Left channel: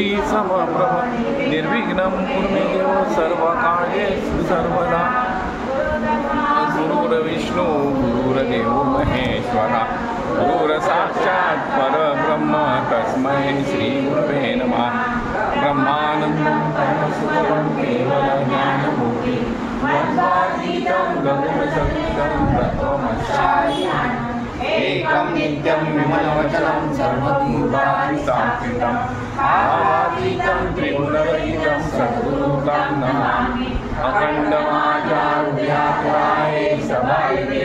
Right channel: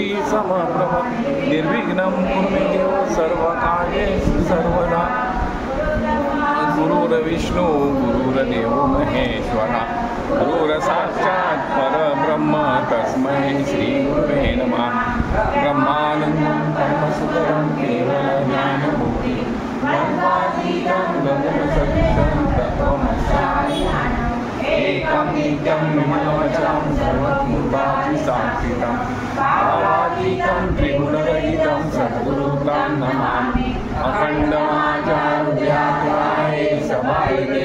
बुद्धि समप्रभ निर्विघ्नं कुरु मे देव सर्वकार्येषु सर्वदा गुरुर्विष्णु गुरुर्देवो महेश्वरा गुरुर्साक्षात् परब्रह्म तस्मै श्रीगुरुवे नमः ब्रह्मानन्दं परमसुखदं केवलज्ञानमुक्ति द्वन्द्वातीतं गगनसदृशं तत्त्वमस्यामि एकं नित्यं विमलमचलं सर्वभूतादिसाक्षितं भावातीतं त्रिगुणरहितं सद्गुरुं नमामि अखण्डमाचार्याय सभाये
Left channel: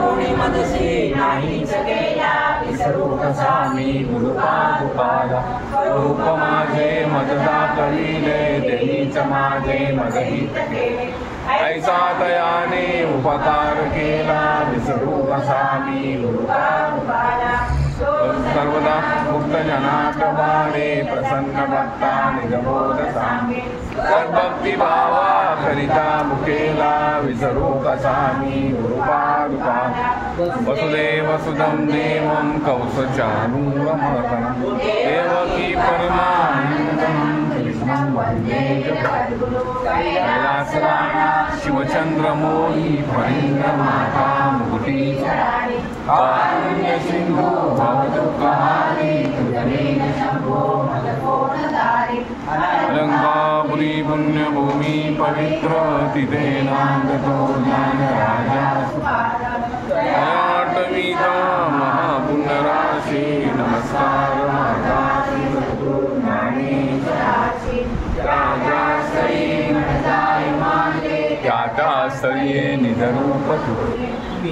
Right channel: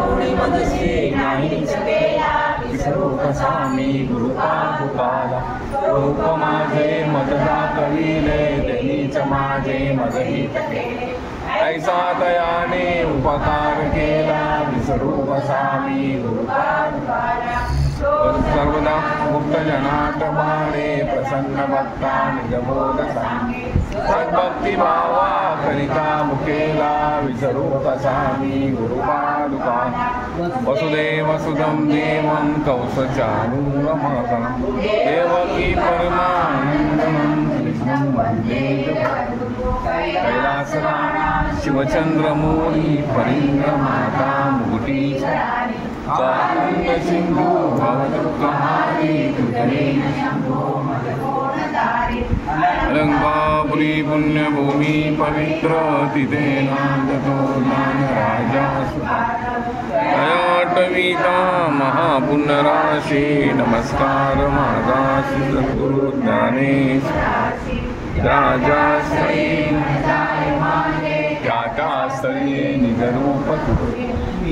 गुणी मनसी नाही विसरू कसामी गुरुपादुकाला रूप माझे मददा कविले त्यांनीच माझे मदहित केले ऐसा तयाने उपकार केला विसरू कसामी गुरुपादुकाला सर्वदा मुक्त जनात बाणे प्रसन्न भक्ता निजबोध सांगे सद्भक्ती भावा करिता मुकेला विसरू कसामी गुरुपादुका वसुदेव सुदं देवं कौसचानूरमर्दनं देवकी परमानन्दं कृष्णं वन्दे जगद्गुरुं कैलासराज शिवचन्द्रमौळी फणीन्द्रमाता मुकुटी पावन सिंधु भवदुःखहारी तुझे शंभो मदकोणधारी अलंकापुरी पुण्यभूमि पवित्र तिथे नांदतो ज्ञान राजा अयाटवीता महापुण्यराशी नमस्कार मार्गाशी सद्गुरु ज्ञानेश राजा श्री त्याच्या स्तरीये निजरूप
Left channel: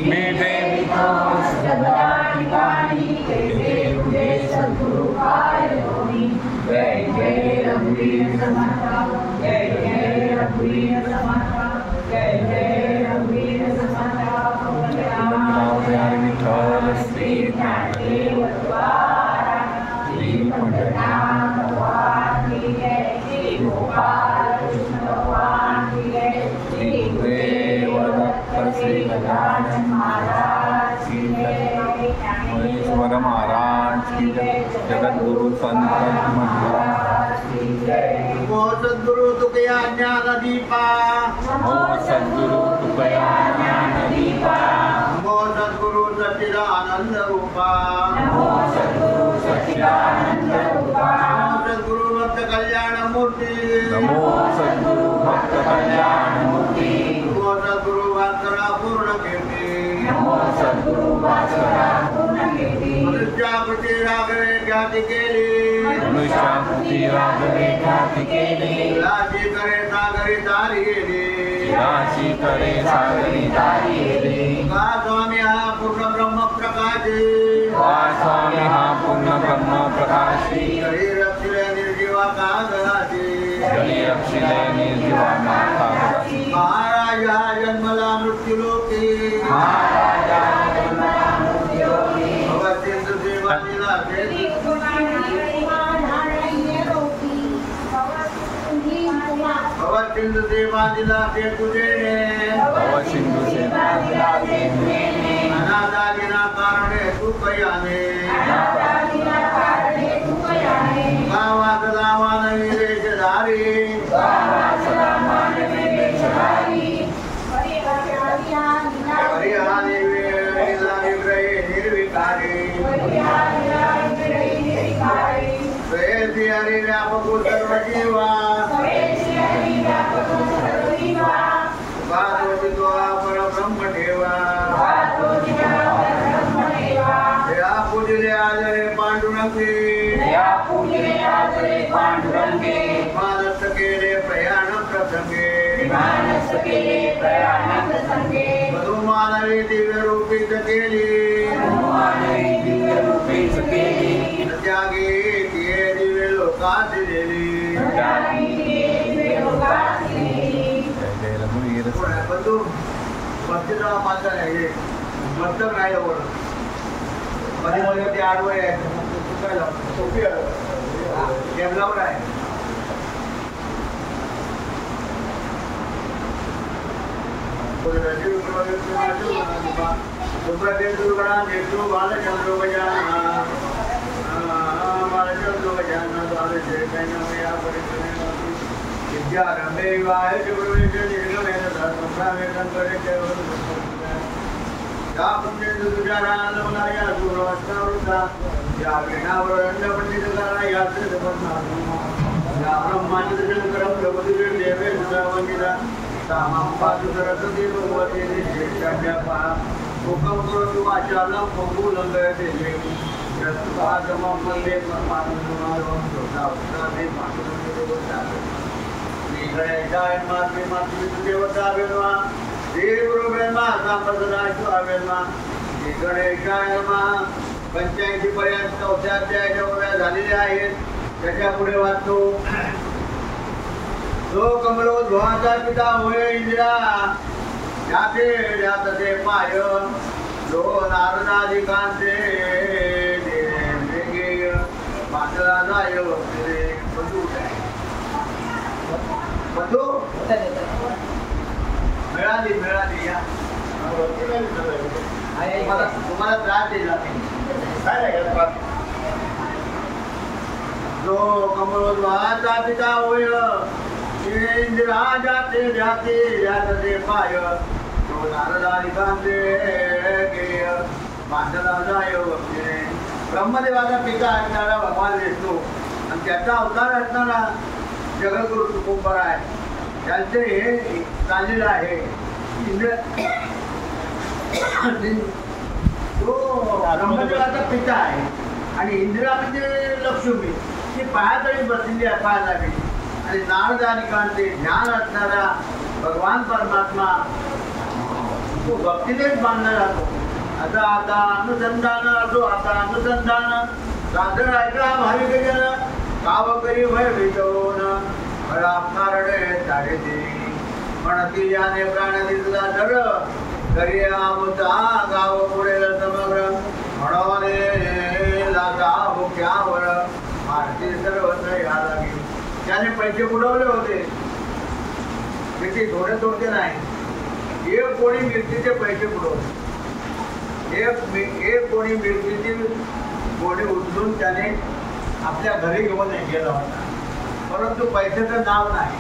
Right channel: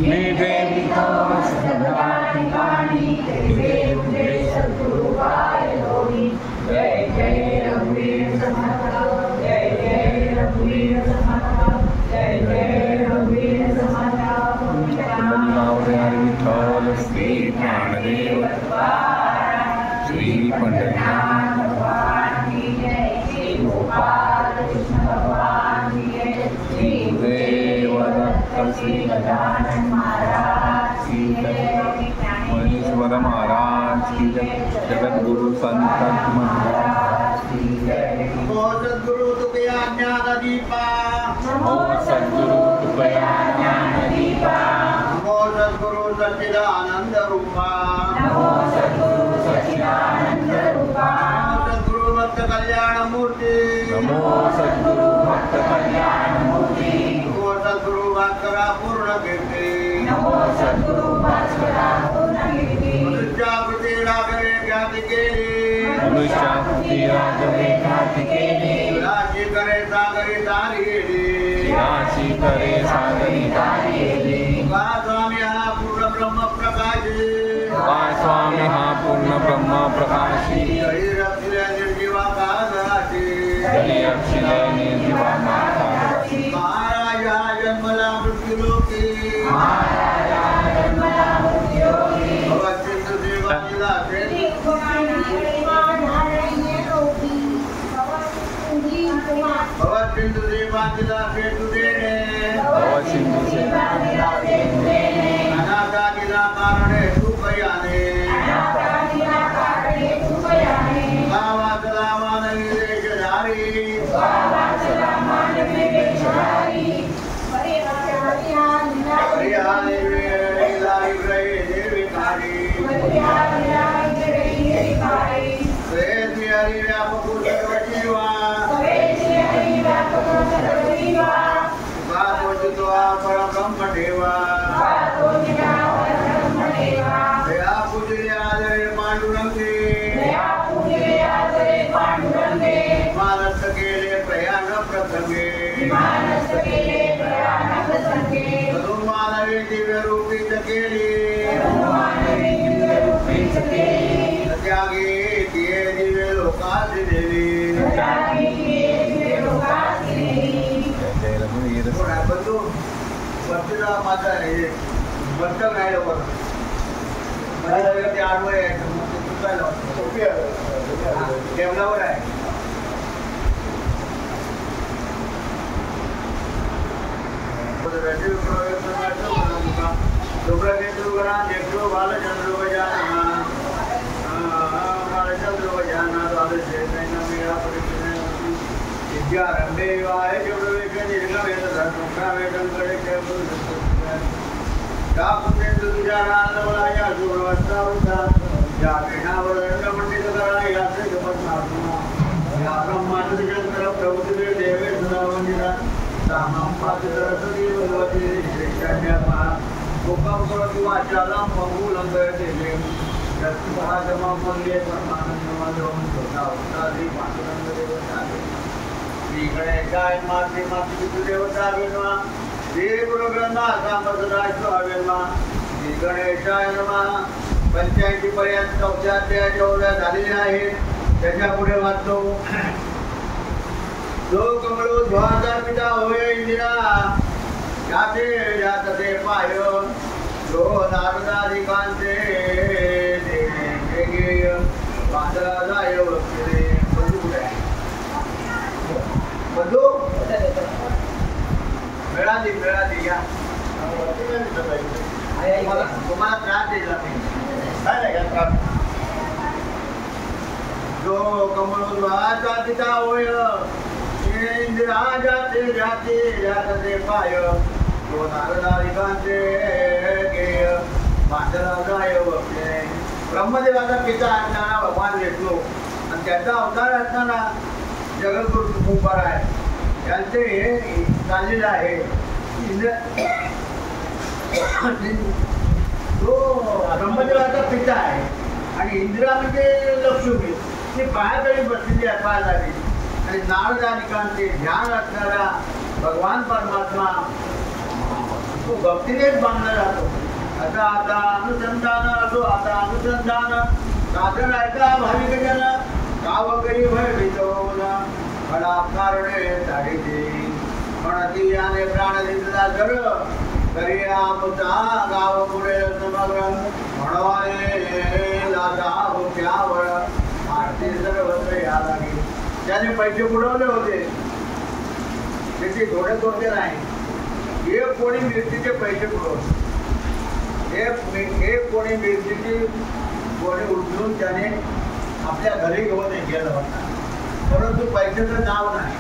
मेधे जय जय रघुवीर जय जय रघुवीर जय जय रघुवीर हरि विठ्ठल श्री प्राणदेव श्री पंढरीनाथ श्री गुरुदेव दत्त श्री गजानन महाराज की जय महेश्वर महाराज की जय जगद्गुरु संत महाराज की जय नमो सद्गुरु तुकया ज्ञान दीपा नमो सद्गुरु तुकया ज्ञान दीपा नमो सद्गुरु सच्चिदानंद रूपा नमो सद्गुरु सच्चिदानंद रूपा नमो सद्गुरु भक्त कल्याण मूर्ति नमो सद्गुरु भक्त कल्याण मूर्ति नमो सद्गुरु भास्करा पूर्ण कीर्ति नमो सद्गुरु भास्करा पूर्ण कीर्ति मनुष्याकृती राघवे ख्याती केली मनुष्याकृती राघवे ख्याती केली राशी करे सागरी तारी गेली राशी करे सागरी तारी गेली का स्वामी हा पूर्ण ब्रह्म प्रकाशी का स्वामी हा पूर्ण ब्रह्म प्रकाशी जळी रक्षिले निर्जीवा कागदाशी जळी रक्षिले निर्जीवा कागदाशी महाराज हा जन्मला मृत्यूलोकी भवत्यंत सेवानीला भवत्यंत सेवानीला सेतु देणे सिंधू से अनादादिना कारणे सुखयाने गावा सदा मानवी देशधारी हरियाणी निर्विकारी हरि व्यापक सर्व जीवा परब्रह्म देवा या पूजले आदरे पांडुरंगे मानस केले प्रयाण प्रसंगे मानवी दिव्य रूपीच केली त्यागी तिये दिव्य लोकात दिली जय रघुवीर बंधू बच्चेचा माझा हे बंधक नाही लवकर मध्ये मध्ये ते आडवं यायचं मग ते चुकायला सोपी टेबलावर आहे बालचंद्र चंद्रो जानदार जय मैनमया परिचय विद्यारंभे वाय प्रवेश निर्गमेत धर्मप्रावेदन करे केवल या पुण्य तुझ्या नामलाया सुरवस्तावृता या विनावरंड पंडित करा या श्रीपद्मात्मा या ब्रह्मांड शंकर प्रभुदेव देवे सदा वंदिता तामं पातु सरस्वती भगवती निश्चेष्टाच्या पा मुखं करोतु वाचालं पंगुलं गयते देव यत्पादमं वन्दे परमानन्दमाधवं श्रोतावतादि पांडुरंग देवतावे श्री गणेशाय माते मातृ देवतावे नमः श्री गुरु ब्रह्मा सांबसदाशिवाय नमः श्री गणेशाय नमः 85 पर्यंत 4 अध्याय ओव्या झालेल्या आहेत त्याच्या पुढे वाचतो जो कमलो ध्वाचा पिता होय इंदिरा याचे जातते पाय जो नारदाधिकांचे वेगे बांधला जाय वक्ते बंधू कुठे आहे बंधू मिळाली या तुम्हाला त्रास दिला नाही जो कमलोद्वाचा पिता होय इंदिरा जाते जाते जातते पाय जो नारदाधिकांचे गेय बांधला जाय वक्ते ब्रह्मदेवाचा पिता असणारा भगवान विष्णू आणि त्याचा अवतार असणारा जगद्गुरु तुकोबार आहे त्यांचे हे चाललेलं आहे तो ब्रह्मदेवाचा पिता आहे आणि इंदिरा म्हणजे लक्ष्मी ती पायातळी बसलेली असायला हवी आणि नारदानिकांचे ज्ञान असणारा भगवान परमात्मा तो भक्तीनेच बांधला जातो आता अनुसंधान असो आता अनुसंधान साधन ऐका भाविक जन गावकरी भय भीतोन मला कारणे साडे म्हणती याने प्राण दिसला जर तरी आमचा गाव पुढे समग्र म्हणून लागा हुक्यावर मारती सर्वत्र या लागेल त्याने पैसे बुडवले होते त्याची थोडे नाही एक कोणी मिरचीचे पैसे बुडवले एक कोणी मिरचीची कोणी उचलून त्याने आपल्या घरी घेऊन गेला होता परंतु पैशाचं नाव नाही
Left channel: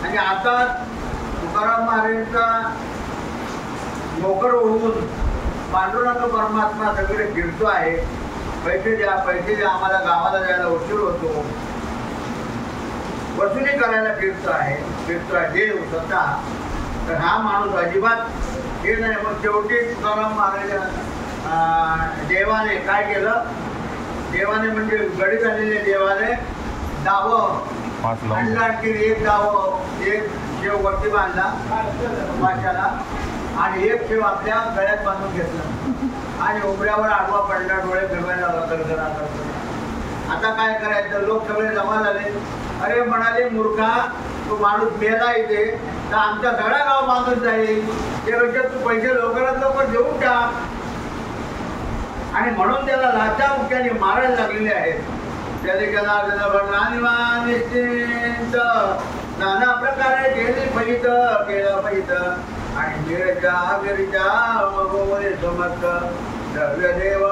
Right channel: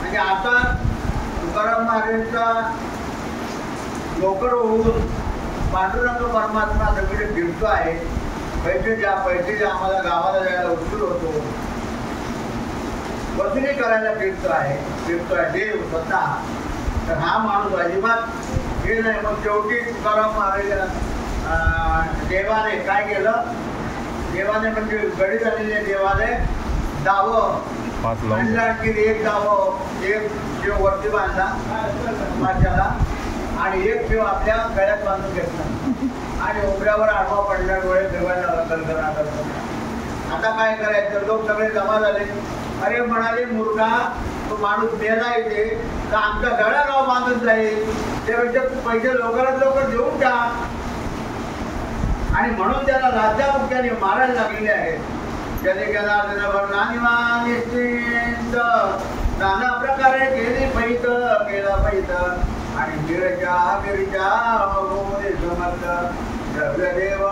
म्हणजे आता तुकाराम महाराजांचा नोकर होऊन पांडुरंग परमात्मा सगळे फिरतो आहे पैसे द्या आम्हाला गावाला जायला उशीर होतो वसुली करायला फिरतोय देव स्वतः तर हा माणूस अजिबात हे नाही मग शेवटी तुकाराम महाराज देवाने काय केलं देवाने म्हणजे गडी झालेले देवाने दावं एक दावं एक शिव वरती बांधला माशाला आणि एक शिव आपल्या गळ्यात बांधून घेतला आणि उघड्यावर आडवा पडला डोळे फिरवायला लागला आता काय करायचं लोक सगळे जमा झाले अरे म्हणाले मूर्खा तो माणूस मेला इथे तर आमचा सगळा गाव बांधून जाईल त्यापेक्षा तू पैसे लवकर देऊन टाक आणि म्हणून त्याला लाचा मुख्याने मारायला लागलेले आहेत त्याने केला निश्चिंत नाना प्रकारे केला पैत आणि गिरीच्या समर्थ देव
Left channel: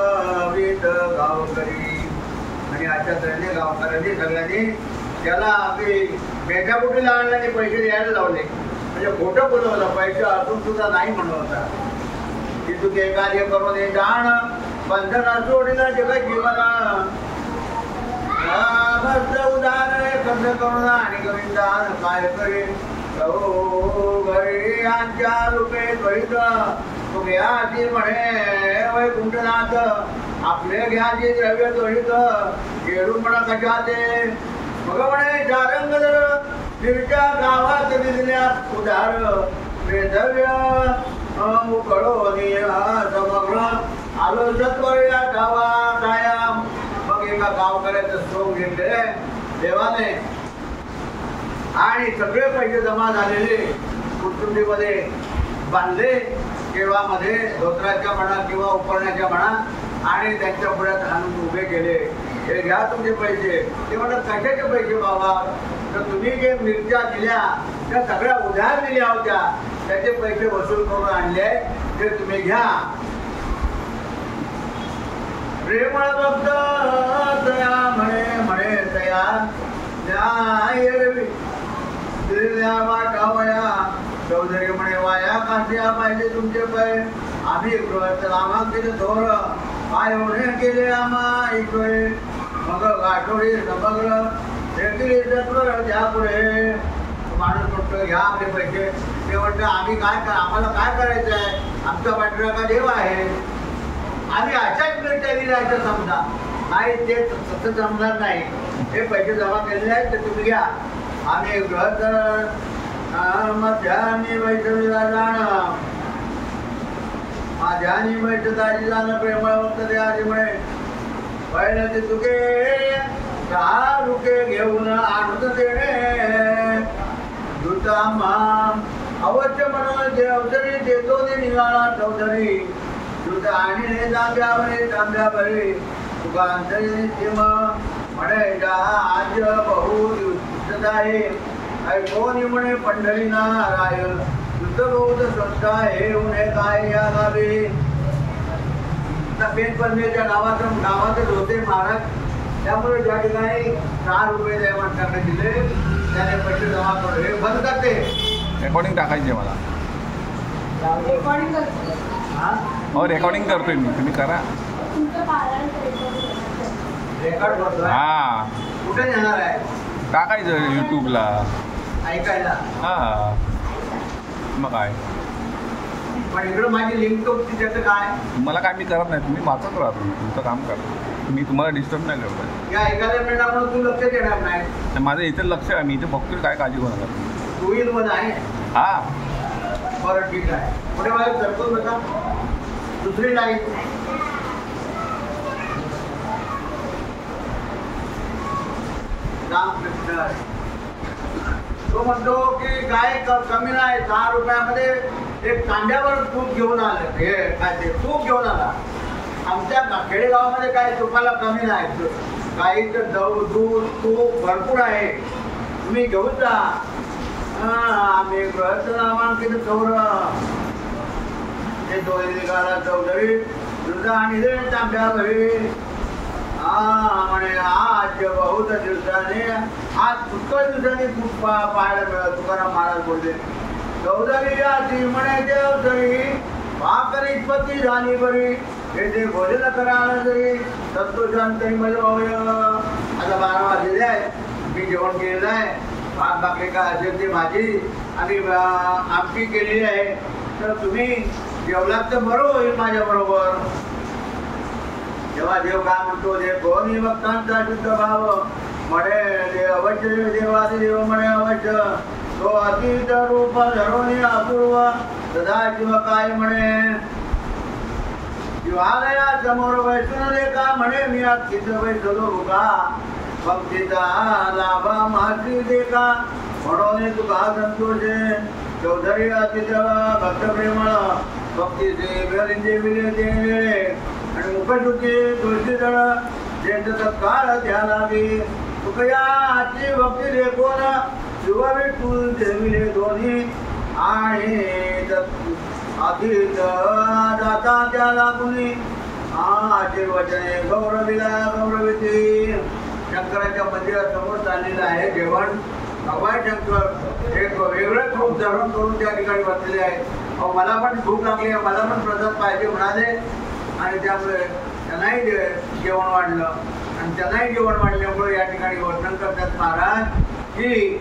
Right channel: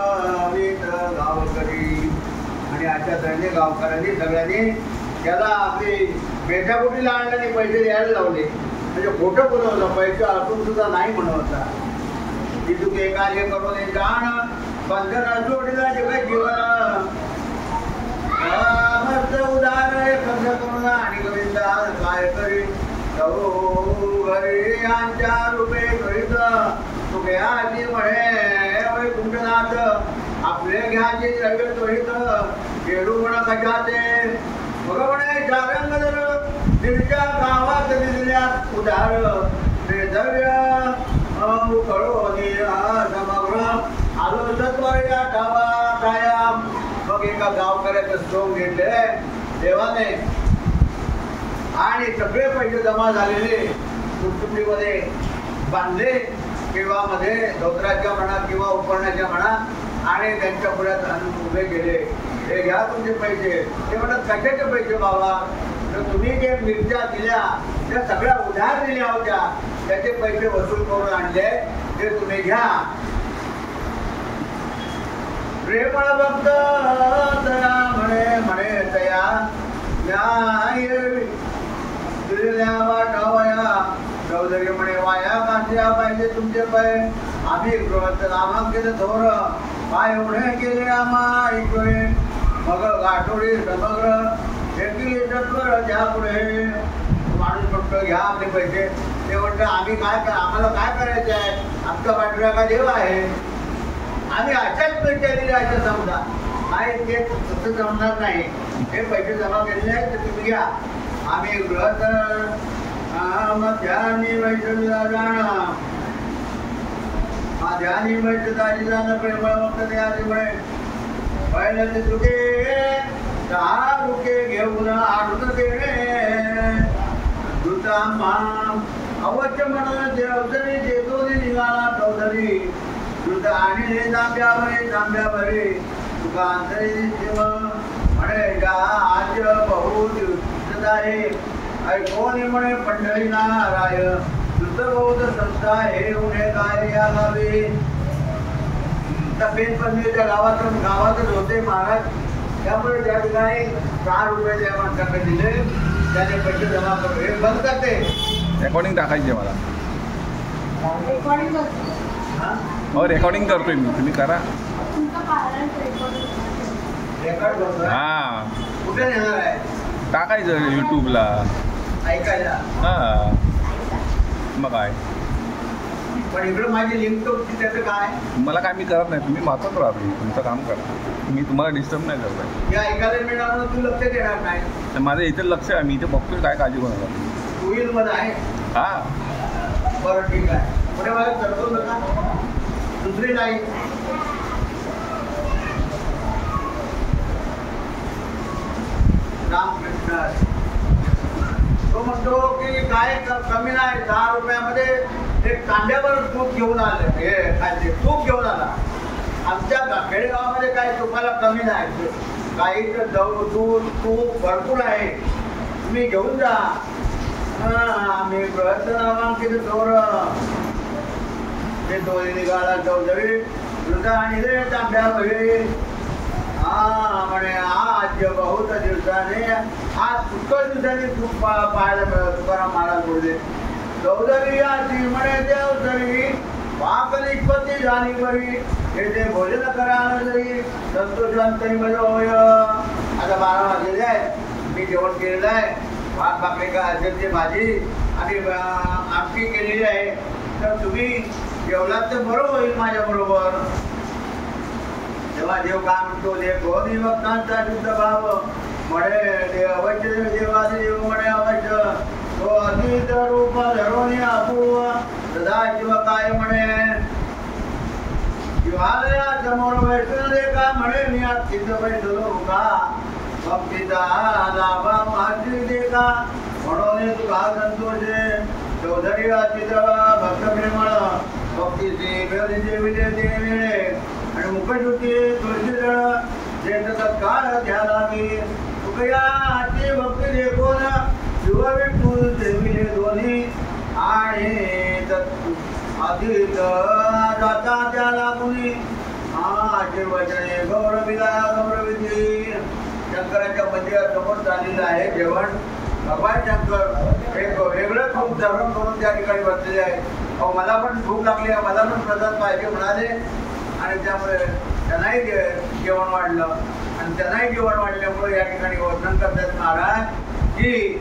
वीत गावकरी आणि अशा तऱ्हेने गावकऱ्यांनी सगळ्यांनी त्याला आपली मेठापोटीला आणल्याने पैसे द्यायला लावले म्हणजे खोटं बोलवलं पैसे असून सुद्धा नाही म्हणवता की तू ते कार्य करून जाण बंधन जोडीला जगत जीवन उदार खर्च करून आणि गोविंदा काय करीन घरी आमच्या रुपये त्वरित तू घ्याची म्हणे वैकुंठनाथ आपले घ्याची द्रव्य त्वरित गेरू म्हणा कशाचे मग म्हणे चारंग जर तिरच्या गावात दिसल्यात उदार ते द्रव्य उकळो समग्र आलो सत्वया ठावा कायम मग एका गावकऱ्याचं सोंग घेतले देवाने आणि सगळे पैसे जमा झालेले कुटुंबीमध्ये बांधले केव्हामध्ये धोत्राच्या म्हणा किंवा उपरण्याच्या म्हणा आणि त्यांच्या पुढ्यात आणून उभे केले हे घ्या तुमचे पैसे ते म्हणतात कशाचे पैसे बाबा तर तुम्ही जे मिरच्या दिल्या त्या सगळ्या उधार दिल्या होत्या त्याचे पैसे वसूल करून आणले ते तुम्ही घ्या प्रेमळ भक्त म्हणे म्हणे तया दिलेल्या वाटावया चौधरी म्हणे वाया कांद्या पाहिजे तुमचे पाय आम्ही गृहस्थ नामांकित थोर पाय एवढे केले आम्हा ऐकवे मग गाठोडी समग्र एकली तत्वर द्या पुढे माणूस म्हणतो घ्या आपले पैसे ते म्हणतं आम्ही आम्हाला काय करायचं आहे आमचा पाठीराखा देव आहे आम्ही अशाच मिरच्या दिल्या असं समजा नाही ते तसं जमणार नाही हे पैसे जमा केलेले आहेत तर तुम्ही घ्या आम्ही गृहस्थ मध्यानी वैष्णवीला जाणं ध्यानी वैष्णदाजी जाणं प्रेमळ वक्त ते आधी म्हणे पहिलं ते चुके 10 रुके घेऊन आणून देणे दुतांबा अवश्य म्हणून देवतरी देतो ते निघाला चौधरी दुत आणि तांब्यावरे तुका अंतरी सिम म्हणे जा आज बहु दिवस आहे ऐकोनी म्हणे पंढरीना राय दुत बहुत संस्था हे उन्हे काय या गावी पेनपल्लीच्या गावातच होते महाराज त्यामुळे त्या ठिकाणी 6 रुपये त्या माणसाकडे दिले त्याने पैसे जमा करून हे बंद करते रेकॉर्डिंग टाकायची मला हो रेकॉर्डिंग करतोय मी तुम्ही करा रेकॉर्ड करतो हा कुठे नेणार आहे टाकायचं यूट्यूबला ऐकायला हा मग काय पण इकडं माझी लिंक तो त्याचं काय मला काय मी करत नाही तुम्ही वाचत राहा तुम्ही तुमचं काम करा मी तुम्हाला डिस्टर्ब नाही करत या ऐकायला मिळणार म्हणून तू लक्ष देणार नाही तर माझं इथे लक्ष आहे मी इथे बघतोय काय काळजी करू नका 2 व्हील मध्ये आहे हा बरं ठीक आहे पुढे मला करतो नका दुसरी नाही रामकृष्ण तो म्हणतो की काय कमी नाही 10 रुपयामध्ये एक कांद्यावर तूप घेऊन आले हे काय ते तूप घेऊन आला आमच्या खेडेगावामध्ये काय तुपाला कमी नाही काही तर दूध तूप भरपूर आहे तुम्ही घेऊन जा आम्ही गृहस्थ नामांकित चौर ते दोन्ही निघाला चौधरी दुधा आणि रे तांब्यावरी म्हणे आज बहुत दिवसाने आज पुष्कळ दिवसांनी तूप पाहायला मिळत तुकाराम महाराज बोलले चौधरी आजी म्हणे देवधरी पाकनिष्पत्ती झाली बरी हे ते भोजन करा जरी संतोषांतरी मध्ये होय आता 12 वाजलेले आहे मी जेवण केलेलं आहे भात भाकरी का असेल ते भाजी आणि आमटी केलेली आहे तर तुम्ही जेवलात तर बरं होईल माझ्या बरोबर तेव्हा देव काय म्हणतो कोणी भक्तांचा शुद्ध भाव म्हणे ते अवश्य देवादी देव म्हणे अवश्य तो अतीत रूप धरून अपूर्व सदा शिव काय म्हणे शिवालया समोर वैष्णव का म्हणे मी आज चित्त बैसलो का भक्तीचा लाभा महाश्री देखा म्हणून तुका संतोषे चौधरी अतिथ भक्त प्रेमळ भक्तीचे बेरीचे विले देणे आणि मुखशुद्धी तुळशी जळ ज्येष्ठ तत्काळ ध्यानावी तुकया आजची भक्ती देखून शिव विठ्ठू देविले दोन्ही आणि अतीत जाता त्याला कुणी आशीर्वचने गौरविला गौरविती शंकराच्या मंदिरासमोर चाललेलं आहे जेवण भगवान शंकर एक वेगळं रूप धारण करून त्या ठिकाणी बसलेले आहे अहो मला पण भूक लागली आहे मला पण प्रसाद पाहिजे म्हणाले आणि त्यामुळे त्यांनाही जेवण वाढलं आणि त्यांनाही जेवण वाढल्यामुळे या ठिकाणी वर्णन करतात महाराज की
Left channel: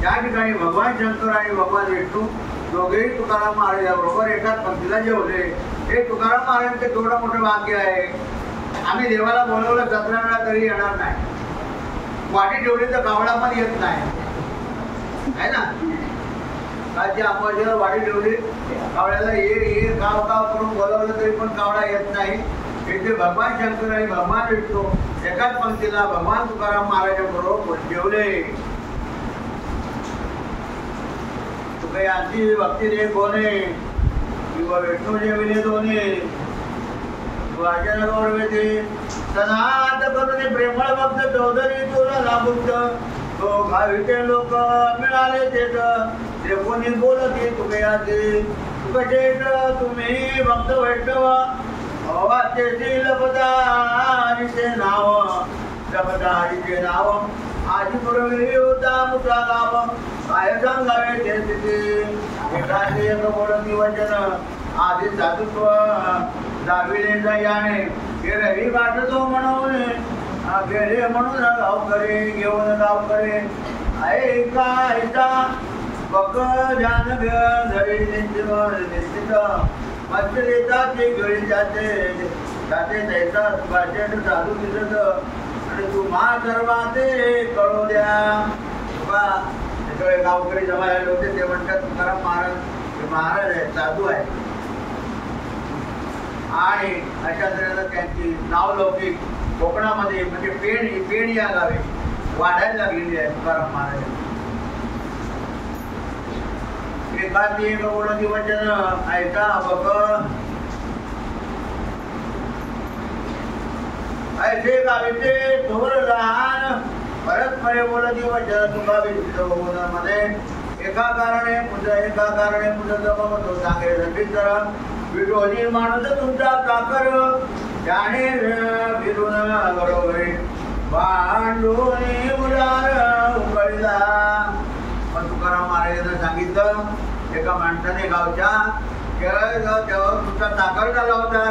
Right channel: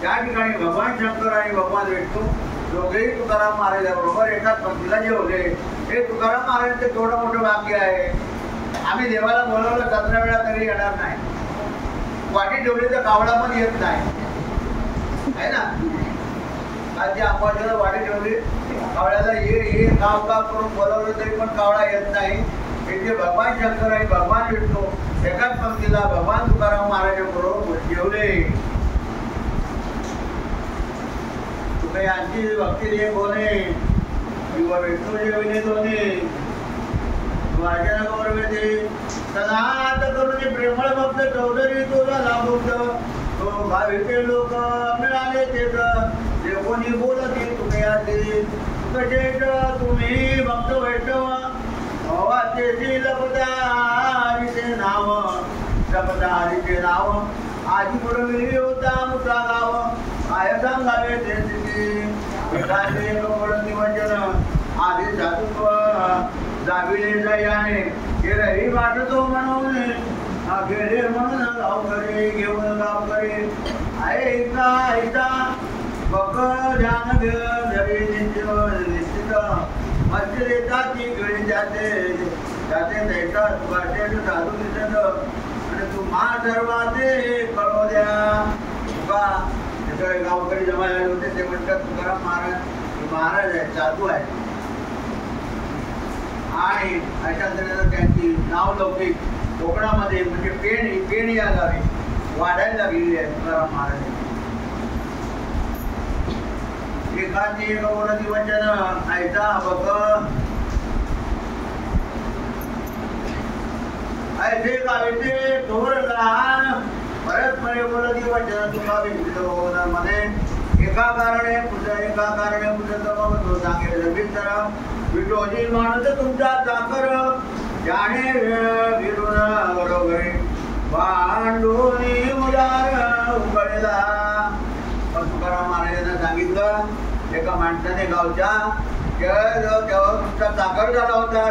त्या ठिकाणी भगवान शंकर आणि भगवान विष्णू दोघेही तुकाराम महाराजाबरोबर एकाच पंक्तीला जेवले हे तुकाराम महाराजांचे थोडं मोठं वाक्य आहे आम्ही देवाला बोलवलं 17 वेळा तरी येणार नाही वाटी ठेवली तर कावळा पण येत नाही आहे ना कालची अंबाजीला वाटी ठेवली कावळ्याला ये काव काव करून बोलवलं तरी पण कावळा येत नाही हे जे भगवान शंकर आणि भगवान विष्णू एकाच पंक्तीला भगवान तुकाराम महाराजांबरोबर जेवले तुका यांची भक्ती दे कोणे किंवा विष्णू जेविले दोन्ही वाचन गौरवते सनात करून प्रेमळ भक्त चौधरी तुला लाभुक्त तो भाविके लोक मिळाले तेच जे कोणी बोलते तुकयाचे तुकशेष तुम्ही भक्त वैष्णव वाचेची लपदारीचे नाव जप जपता हरीचे नाव आधी पुरविली होता मुसा गाव काय सांगावे ते स्थिती एखादे एक बोलती वचन आधी साधुत्व दाविले जयाने गेरही वाटतो म्हणून गेले म्हणून गावकरी घेऊन गावकरी ऐका ऐका बघ ध्यान धरी निश्चित मत्स्य देतात ती गळी जाते जाते त्याचा भाषण साधू दिसत आणि तुम्हा सर्वाते कळू द्या तुका सगळे गावकरी जमा झाले होते ते म्हणतात तुकाराम महाराज हे महाराज आहेत साधू आहेत आणि अशा तऱ्हेनं त्यांची नावलौकिक कोकणामध्ये म्हणजे पेण या गावी वाढायला लागलेली आहे तुकाराम महाराज एखादी गौरती वचन ऐका बघ ऐसे गावीचे थोर लहान परस्परे बोलती वचन तुका विचित होऊन मध्ये एका कारणे पुढे तो सांगे रविंद्र विरोधी माणूस तुमचा चाकर ज्याने विरून बरोबरी भांडून उदार उकळीला पण तुकाराम महाराजांना सांगितलं एका माणसाने गावच्या तेव्हा तुमचा चाकर झाला होता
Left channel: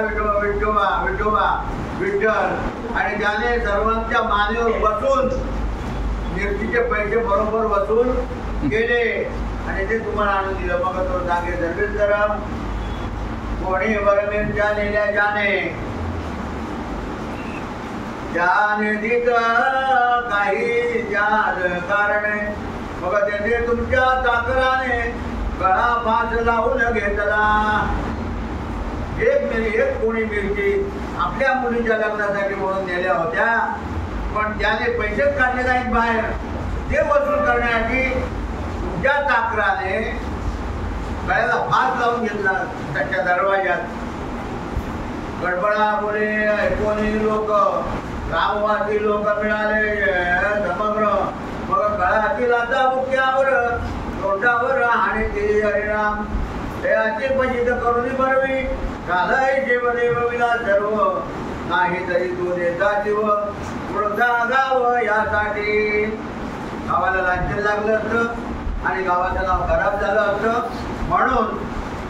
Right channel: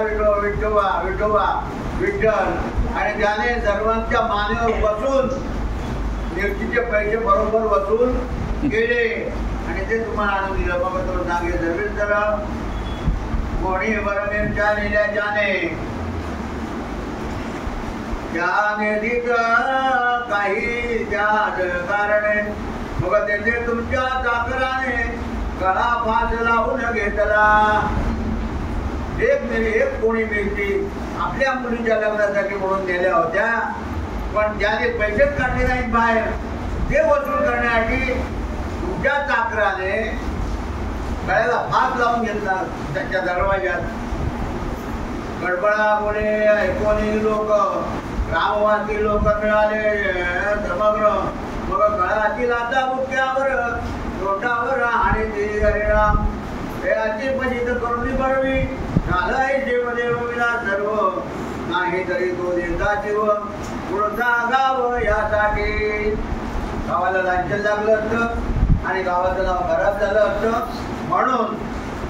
विठ्ठल आणि त्याने सर्वांच्या मानेवर बसून मिरचीचे पैसे बरोबर वसूल केले आणि ते तुम्हाला आणून दिलं मग तो सांगे सर्वेश्वर कोणी वर मिरच्या नेल्या ज्याने दिग काही कारणे मग त्याने तुमच्या चाकराने गळा फास लावून घेतला एक कोणी मिरची आपल्या मुलीच्या लग्नासाठी म्हणून नेल्या होत्या पण त्याने पैसेच काढले नाहीत बाहेर ते वसूल करण्यासाठी तुमच्या चाकराने गळ्याला फास लावून घेतला त्याच्या दरवाज्यात गडबडा बोले ऐकून लोक रामवासी लोक मिळाले समग्र मग गळ्यातील आता मुख्यावर तोंडावर आणि ते हरिराम हे असे पचित करून बळवी झालाय देवदेव विला सर्व नाही तरी तो देता जीव पुढचा गाव यासाठी गावाला लांछन लागलं असतं आणि गावाचं नाव खराब झालं असतं म्हणून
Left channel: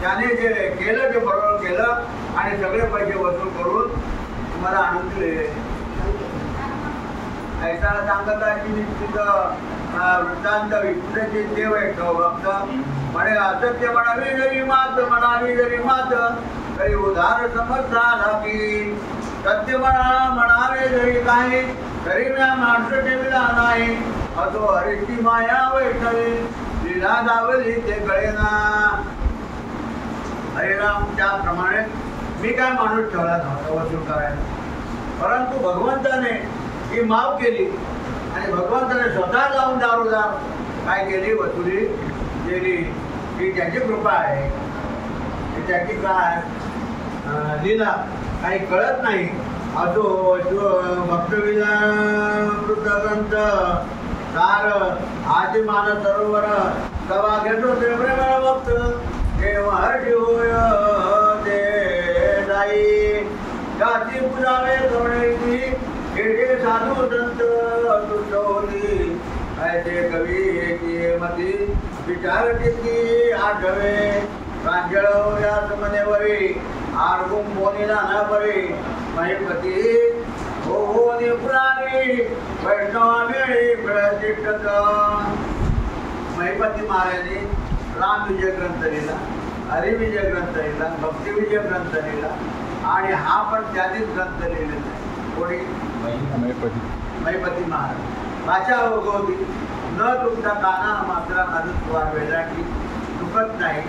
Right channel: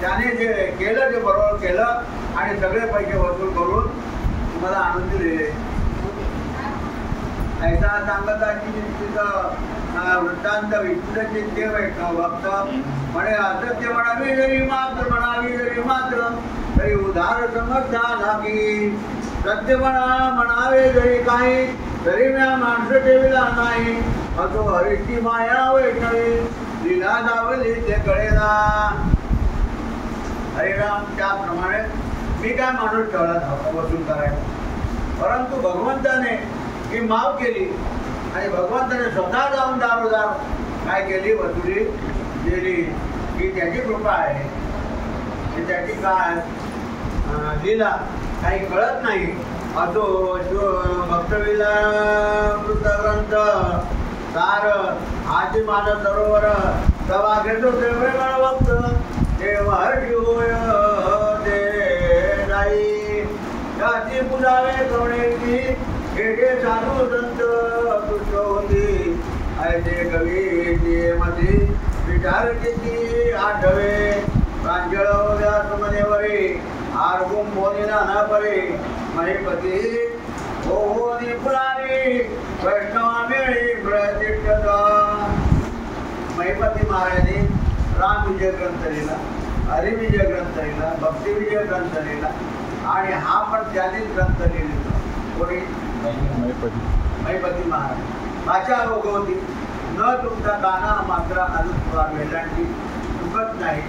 त्याने जे केलं ते बरोबर केलं आणि सगळे पैसे वसूल करून तुम्हाला आणून दिले ऐसा सांगताची वृत्तांत विष्णूचे देव भक्त म्हणे असत्य म्हणावी जरी मात्र तरी उधार समजता लागी सत्य म्हणावे जरी काही तरी मी माणसं ठेवला नाही असो हरीची माया वैष्णवी लीला दावली ते कळेना हरिराम त्याप्रमाणे मी काय माणूस ठेवला नव्हता वसूल करायला परंतु भगवंताने ही माफ केली आणि भगवंताने स्वतः जाऊन दारोदार काय केली वसुली दिली ही त्याची कृपा आहे त्याची काय लीला काही कळत नाही असो भक्तविला कृतग्रंथ तार आजी मान सरोवर तवा घेतो ते प्रेमा भक्त देव हर्षी होय ते जाई जाती पुजावे कवळेची हे साधू संत तुष्ट होती ऐसे कवी मती विचार किती आठवे प्रांजळ या सुमनेवरी आरगुम बोनीला न परे महिपती हो निपुरारी वैष्णवा वेळी प्रतिष्ठत महिपती महाराजांनी राम विजय ग्रंथ लिहिला हरिविजय ग्रंथ लिहिला भक्तिविजय ग्रंथ लिहिला आणि हा पण त्यानेच ग्रंथ लिहिलेला कोणी महिपती महाराज भाषा होती न तुमचा काना मात्र अजून पुराण वेलांटी चुकत नाही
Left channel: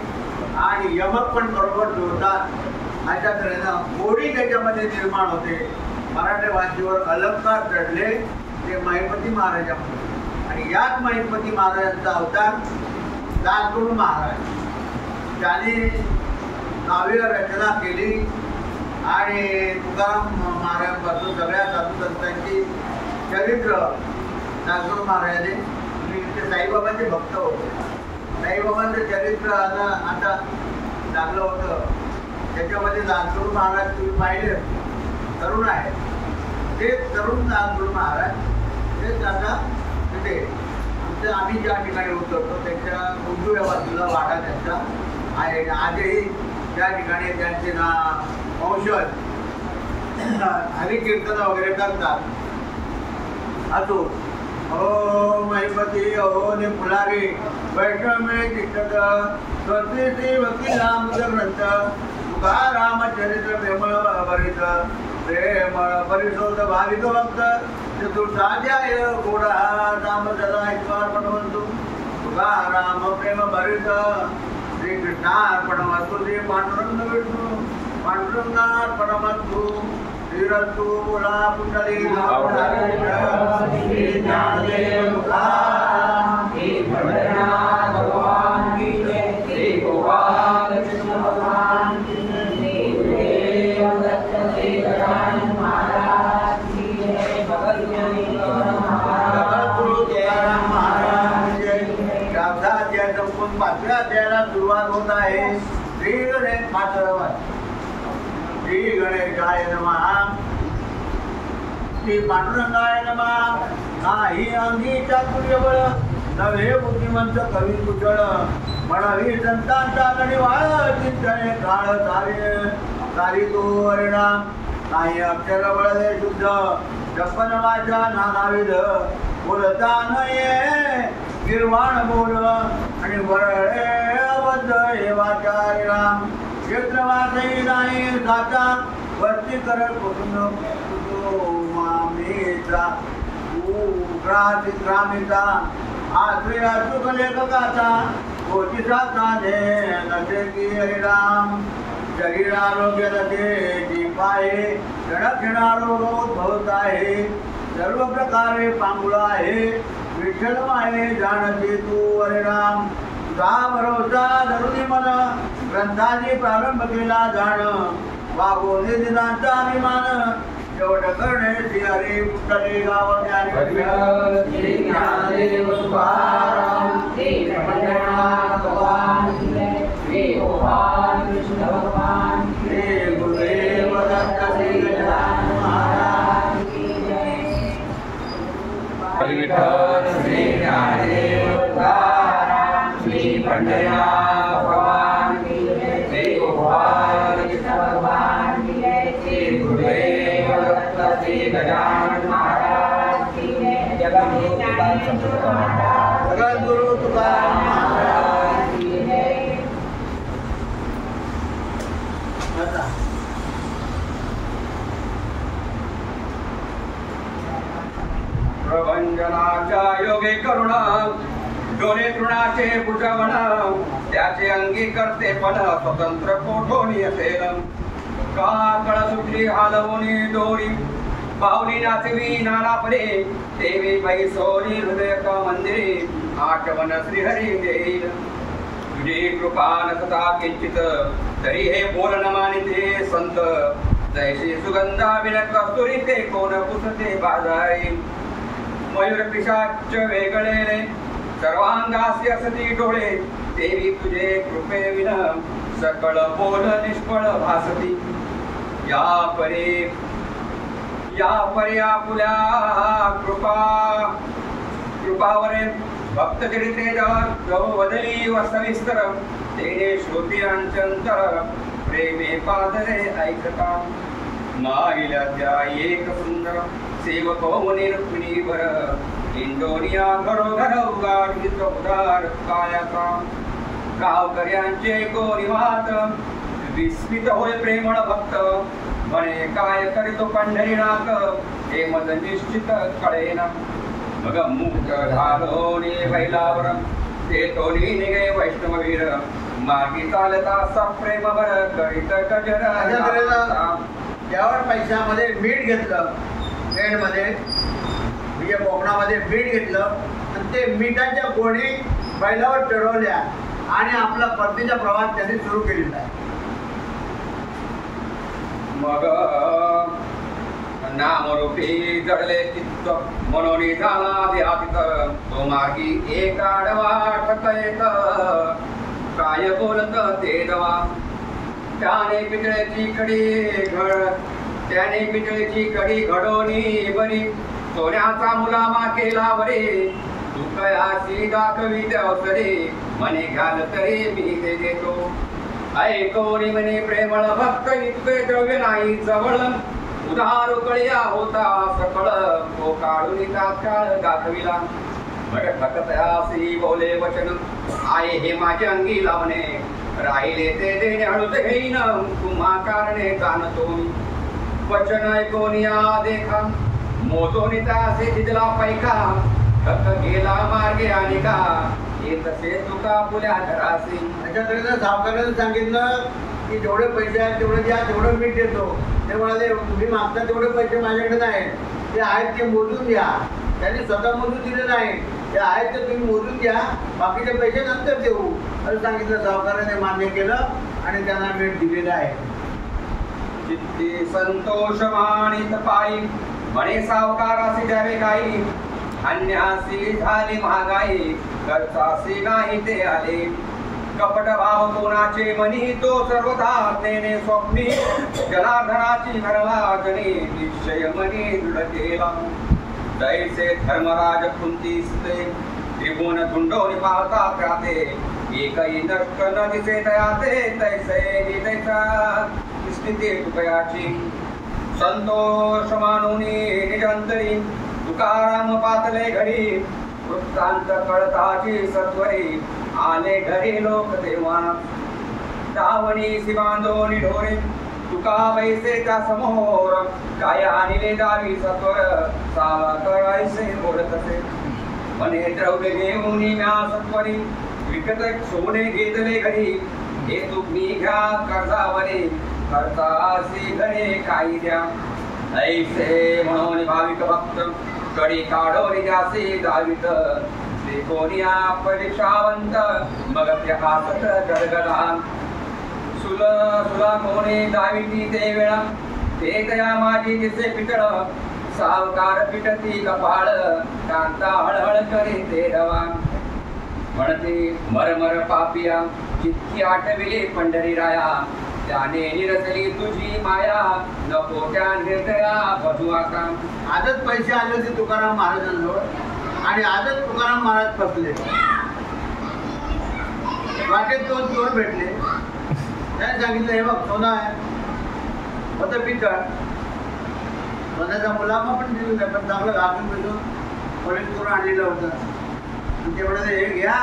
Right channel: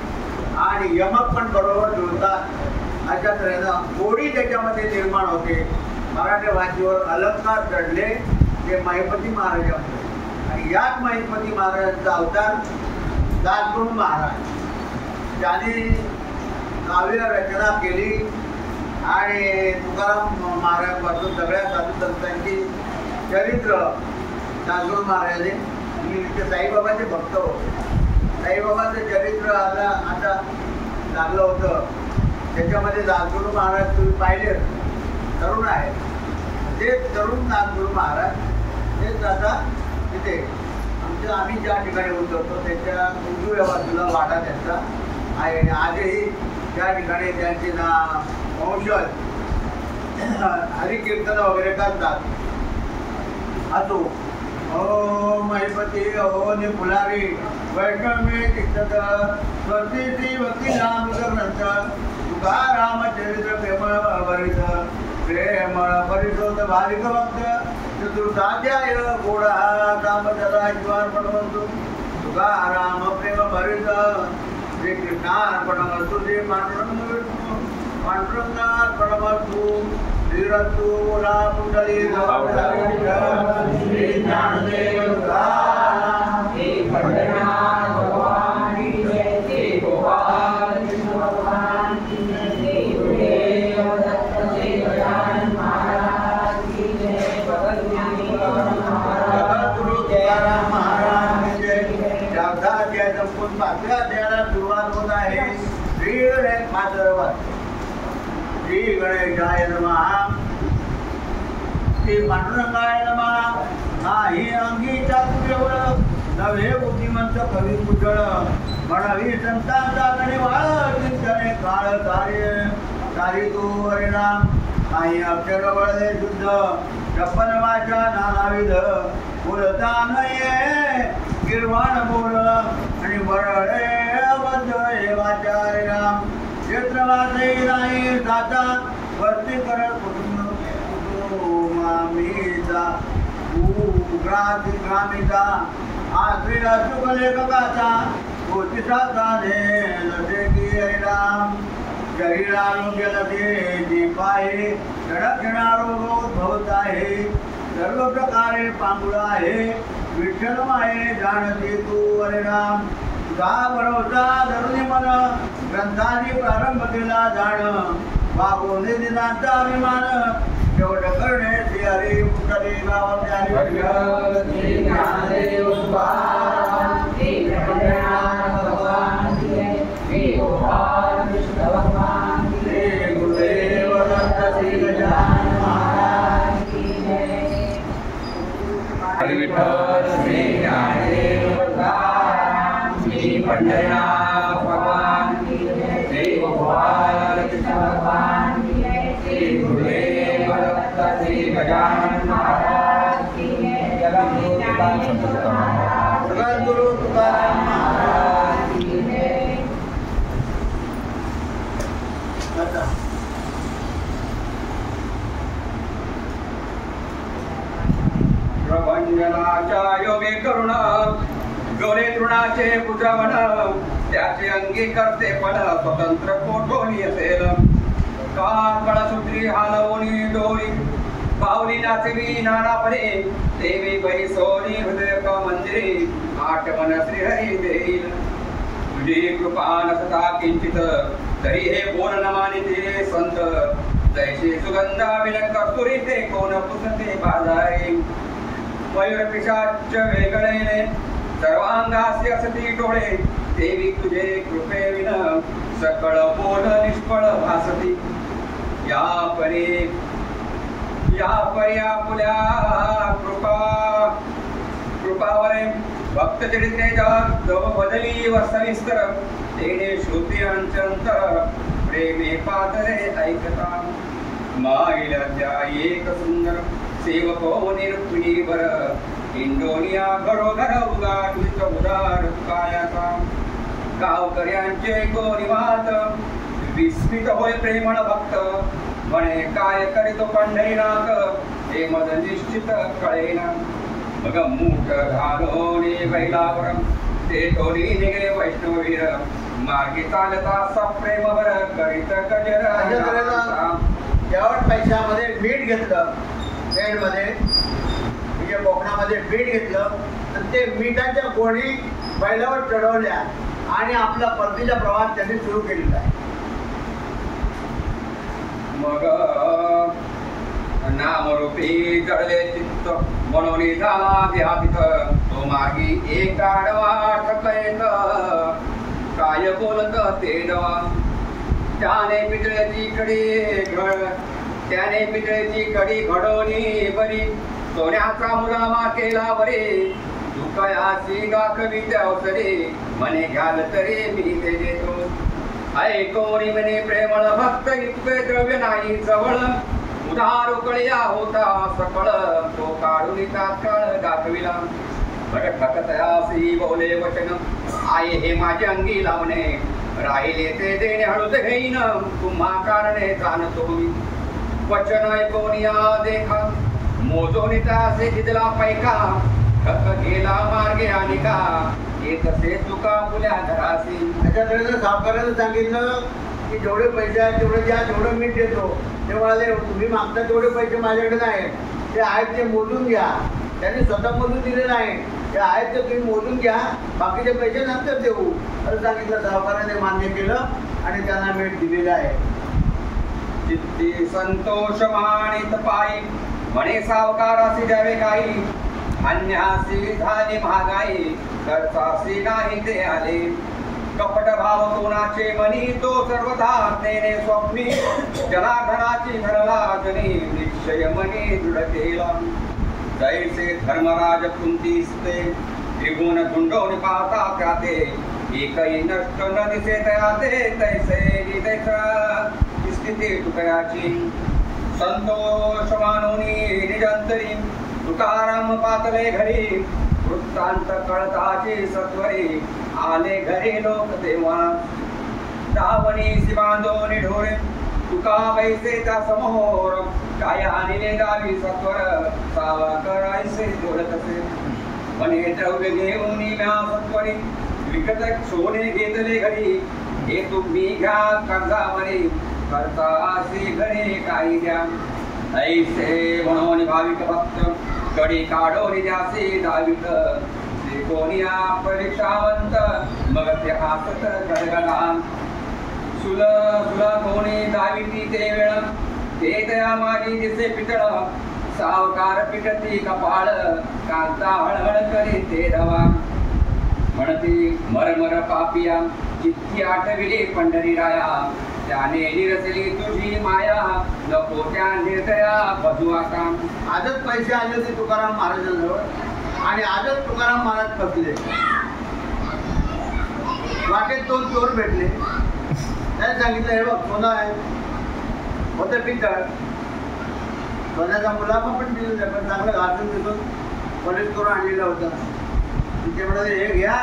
आणि यमक पण बरोबर जुळतात अशा तऱ्हेनं गोडी त्याच्यामध्ये निर्माण होते मराठी भाषेवर अलंकार चढले ते महिपती महाराजांमुळे आणि याच महिपती महाराजांचा अवतार दासगुरू महाराज त्यांनी काव्य रचना केली आणि तुकाराम महाराजांपासून सगळ्या साधू संतांची चरित्र दासगुरू महाराजांनी ते साईबाबांचे भक्त होते साईबाबांचं चरित्र आता लागलं होतं त्याच्यामध्ये दासगुरू महाराज तुम्ही पाहिले तरुण आहेत ते तरुण दासगुरू महाराज तेच आता तिथे आम्ही ज्या ठिकाणी उतरतो त्याच्या उजव्या बाजूला वाडा त्यांचा आहे आणि आजही त्या ठिकाणी त्यांचे वंशज हरिकीर्तन वगैरे करतात. अजून ओ महिपती अहो ने फुलारी वैष्णवे शिक्षक स्वस्ती श्री भक्ती नाम ग्रंथ तुकाराम चरित्र प्रेमळ भरित प्रेमळ परिशोध भाविक भक्त चतुर्थाध्याय गोडा दामोदरा ईश्वरपणवंतु तुकाराम प्रेम भरित श्री कृष्णार्पणवस्तु श्री पांडुरंग विष्णू पांडुरंगार्पणवस्तु श्रीरस्तु बोला पुंडली श्री ज्ञानदेव तुकाराम श्री भजनाथ भगवान की जय श्री गोपाल कृष्ण भगवान की जय श्री गुरुदेव दत्त श्री गजानन महाराज की जय भगत ज्ञानी गुरु तुकाराम महाराज की जय. चौथा अध्याय संपून 5व्या अध्यायाला सुरुवात होत आहे. श्री गणेश मातरवर श्री गणेशाय नमः श्री पांडुरंगाय नमः. नाही अंगी चातुर्यबळ नव्हे बुद्धिमंत कवी कुशळ म्हणावी संतांचा गणिवाळ चिंतने काळ कार्य तू हरिनाम. नाही अक्षर बळदे शुद्ध छप्पन वाचा नानाविध बोलता नये गिरवाण बोल आणि बरळे अबद्ध हे वाचा हरिनाम. क्षेत्रवासही नाही साचा वस्ती करत मामीचा ग्रामीचा आश्रय अचूक लेखकाचा तोची साताने नसे की हरिराम. शरीर आरोग्य नसे दीप आहे क्षणक्षणारोग उद्भवत आहे सर्व प्रकारे पांगुळ आहे विठ्ठल माये जाणते तू हरिराम. तुझा भरोसा धरुनी मन ग्रंथाची प्रारंभ केला जाण वागून दिनांचा अभिमान शेवट करणे श्री हरी पुष्कळे गाव श्री ज्ञानदेव तुकाराम श्री भजनाथ भगवान की जय श्री गोपाल कृष्ण भगवान की जय गुरुदेव दत्त श्री गजानन महाराज की जय. हरी विठ्ठल श्री ज्ञानदेव तुकाराम श्री भजनाथ भगवान की जय श्री गोपाल कृष्ण भगवान की जय श्री गुरुदेव दत्त श्री गजानन महाराज की जय. संत तुकाराम सगळं गुरु तुकाराम महाराज की जय. आता प्रभंजनाच्या योगे करुण डोले तृणाचे पुत्रवन त्याचे अंगी करते पण स्वतंत्र कोठोनी असेल. काळसूत्री हालवूनी डोरी पावली नाचवी नानापरे देवी बैसोनी हृदय मंदिरे आठवण श्रीहरी देईल. तुझी कृपा नसता किंचित तरी हे बोल न मानिते संत जैसे सुगंधा विलक कस्तुरी ते कोण पुसते बाजारी. मयूर पिशाच वेगळे सर्वांगासी असती डोळे देवी तुझे कृपे विन सकळ बोल निष्फळ भासती. या परी आपुल्या कृपावरे भक्त चरित्रे जव बदली वसविस्तर तेने श्रुती अंचंतर प्रेमे पादरे ऐकता. माईला त्या एक सुंदर सेवको निरुक्मिणीवर इंडोनिया घरोघर उगार उदार कायाचा. गावकऱ्यांचे गोरीवात विस्मित होय प्रेमळ भक्त म्हणे काय करीतो पंढरीनाथ हे मज निश्चित कळेना. मग मूठ घालोनी बैलावर ते टोली निघे वैष्णवीर मार्गी चालता सप्रेमवर करीत गजर. शेवट पैशामध्ये मीठ घेतलं पेंडमध्ये म्हणजे कोकणामध्ये मीठ घेतलं आणि ते मिठाच्या गोणी बैलावर चढवल्या आणि आपला परतीचा प्रवास त्यांनी सुरू केलेला आहे. मग नामरूपी जळले चित्त म्हणून झाला देहातीत तो मार्गी एक आडवा ठकयत काय बोलत ते नवा. त्याने पितळेची कडी घडोनी बरी सोन्याचा मुलामा केला बरे दुःखयासी दाखवी अवसरे मने घ्याल तरी मी ते देतो ऐकोनी म्हणे प्रेमळ भक्त इतके द्रव्य नाही जवळ उधार कळया होता सकळ तो काढून तात्काळ दाखविला भटकतयासी बोले वचन आहे हे माझे अंगी लावणे राहिले ते देणे हळूच घेईन तुम्हा कारणे जाणतो मी वचन ऐकोनिया देखा मोजोनी तासे जितला पैका ठक गेला मार्गे आणि का येत तसे तुका पुल्या घरासी. त्याच्याकडे सावकाराने सांगितलं की जेवढे पैसे आहेत तेवढे द्या, जेवढं मीठ देतो. ते म्हणाले तुम्ही मागता तेवढे पैसे माझ्याकडे नाही, ते आहेत ते मोजून घ्या. त्यांनी स्वतः मोजून दिले नाही, ते आहेत ते तुम्ही मोजून घ्या, बाकीचे पैसे नंतर देऊ असं सांगितलं. सावकाराने मान्य केलं आणि त्यांना मीठ दिलेलं आहे. चित्ती संतोष मानित पायी म्हणे सावकारासी द्यावे काही अन्यासी झाली महागाई खर्चासी नाही ते आले कपट भाव कोणाचे मनी तो सर्वथा नेणे स्वप्नी जनार्दनाची भरला जनी निश्चय मनी दृढ केला जैसे धर्मराज कुंतीस्ते त्रिभुवन तुंडोनी पाहता त्याते एकही नष्ट न दिसे तयाते तैसे तैसा स्थिती तुकयाची संतोष मानोनी निजंतरी तुकाराम पातले घरी वृत्तांत कळताची सत्वरी आले घरी लोक तेव्हा दावणी बांधोनी ढोरे तुका बैसे त्या समोर काय आणले दावी सत्वर सावा करायचे बोलत असे म्हणे द्रव्य घेऊन म्या सत्वरी विकत सोने घेतले घरी हे तुम्ही घ्या कर्जावरी करता असे घरे काही द्या ऐसे म्हणून भाविक भक्त कडी काढोनी जासे दावित त्रिकोणिया परीक्षावंत मग ते हासत गडगडा सुला कोणी दाविती ते वेळा ते तया माझी दिसे पितळ सावकार पिटती कपाळ कांता हळहळ करी ते रवा म्हणते मरमर पापिया चित्ती आठविले पंढरी राया त्याने निरसली तुझी माया नको त्या निर्दया बधुआ काम. आजच पैसे आले होते तुकाराम महाराजांजवळ आणि आजच तुकाराम महाराज फसले. वाटेत दोन चोर भेटले. त्याने सांगितलं हे बघ सोनं आहे, होतं पितळ. सोन्याचा मुलामा पण दिलेला पण चांगलं घासून बिसून पोलीस करून आणलेलं होतं. ते म्हणाले हे घ्या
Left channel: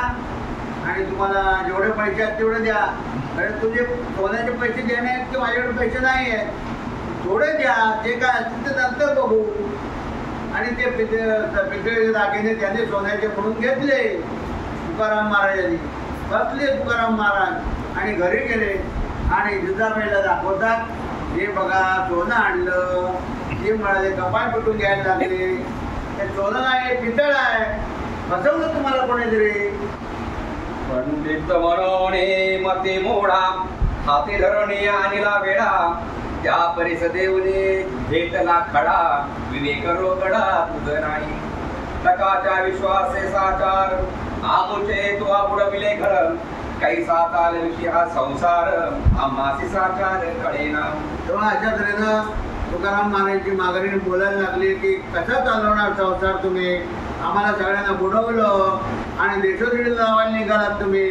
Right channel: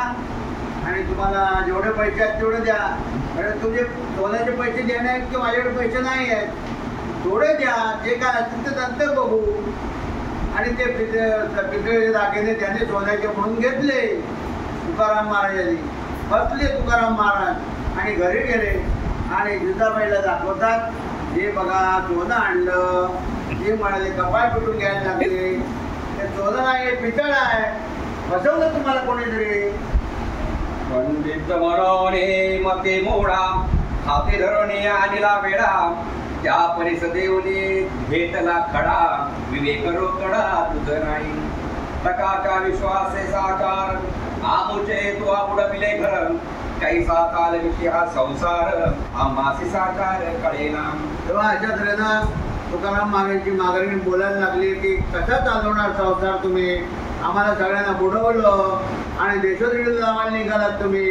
आणि तुम्हाला जेवढे पैसे आहेत तेवढे द्या. अरे तुझे सोन्याचे पैसे देणे आहेत की माझ्याकडे पैसे नाही आहेत, थोडे द्या, जे काय असतील ते नंतर बघू. आणि ते पितळेचे दागिने त्यांनी सोन्याचे म्हणून घेतले. तुकाराम महाराजांनी बसले. तुकाराम महाराज आणि घरी गेले आणि जिजाबाईला दाखवतात हे बघा सोनं आणलं. हे म्हणाले कपाळ पिटून घ्यायला लागले. ते सोनं नाही पितळ आहे, फसवलं तुम्हाला कोणीतरी. पंडित मनोने मते मोडा हाते धरणे आणला वेळा त्या परिसदेवने भेटला खडा विवेक रोकडा तुझ नाही टकाच्या विश्वासे साकार आमुचे तो बुडविले घर कैसा काल विषय हा संसार आम्हासी साकार कळेना. तेव्हा अशा तऱ्हेनं तुकाराम महाराजांची माघारीने बोलायला लागली की कसा चालवणार संसार तुम्ही, आम्हाला सगळ्यांना बुडवलं आणि देशोधडी लावायला निघालात तुम्ही,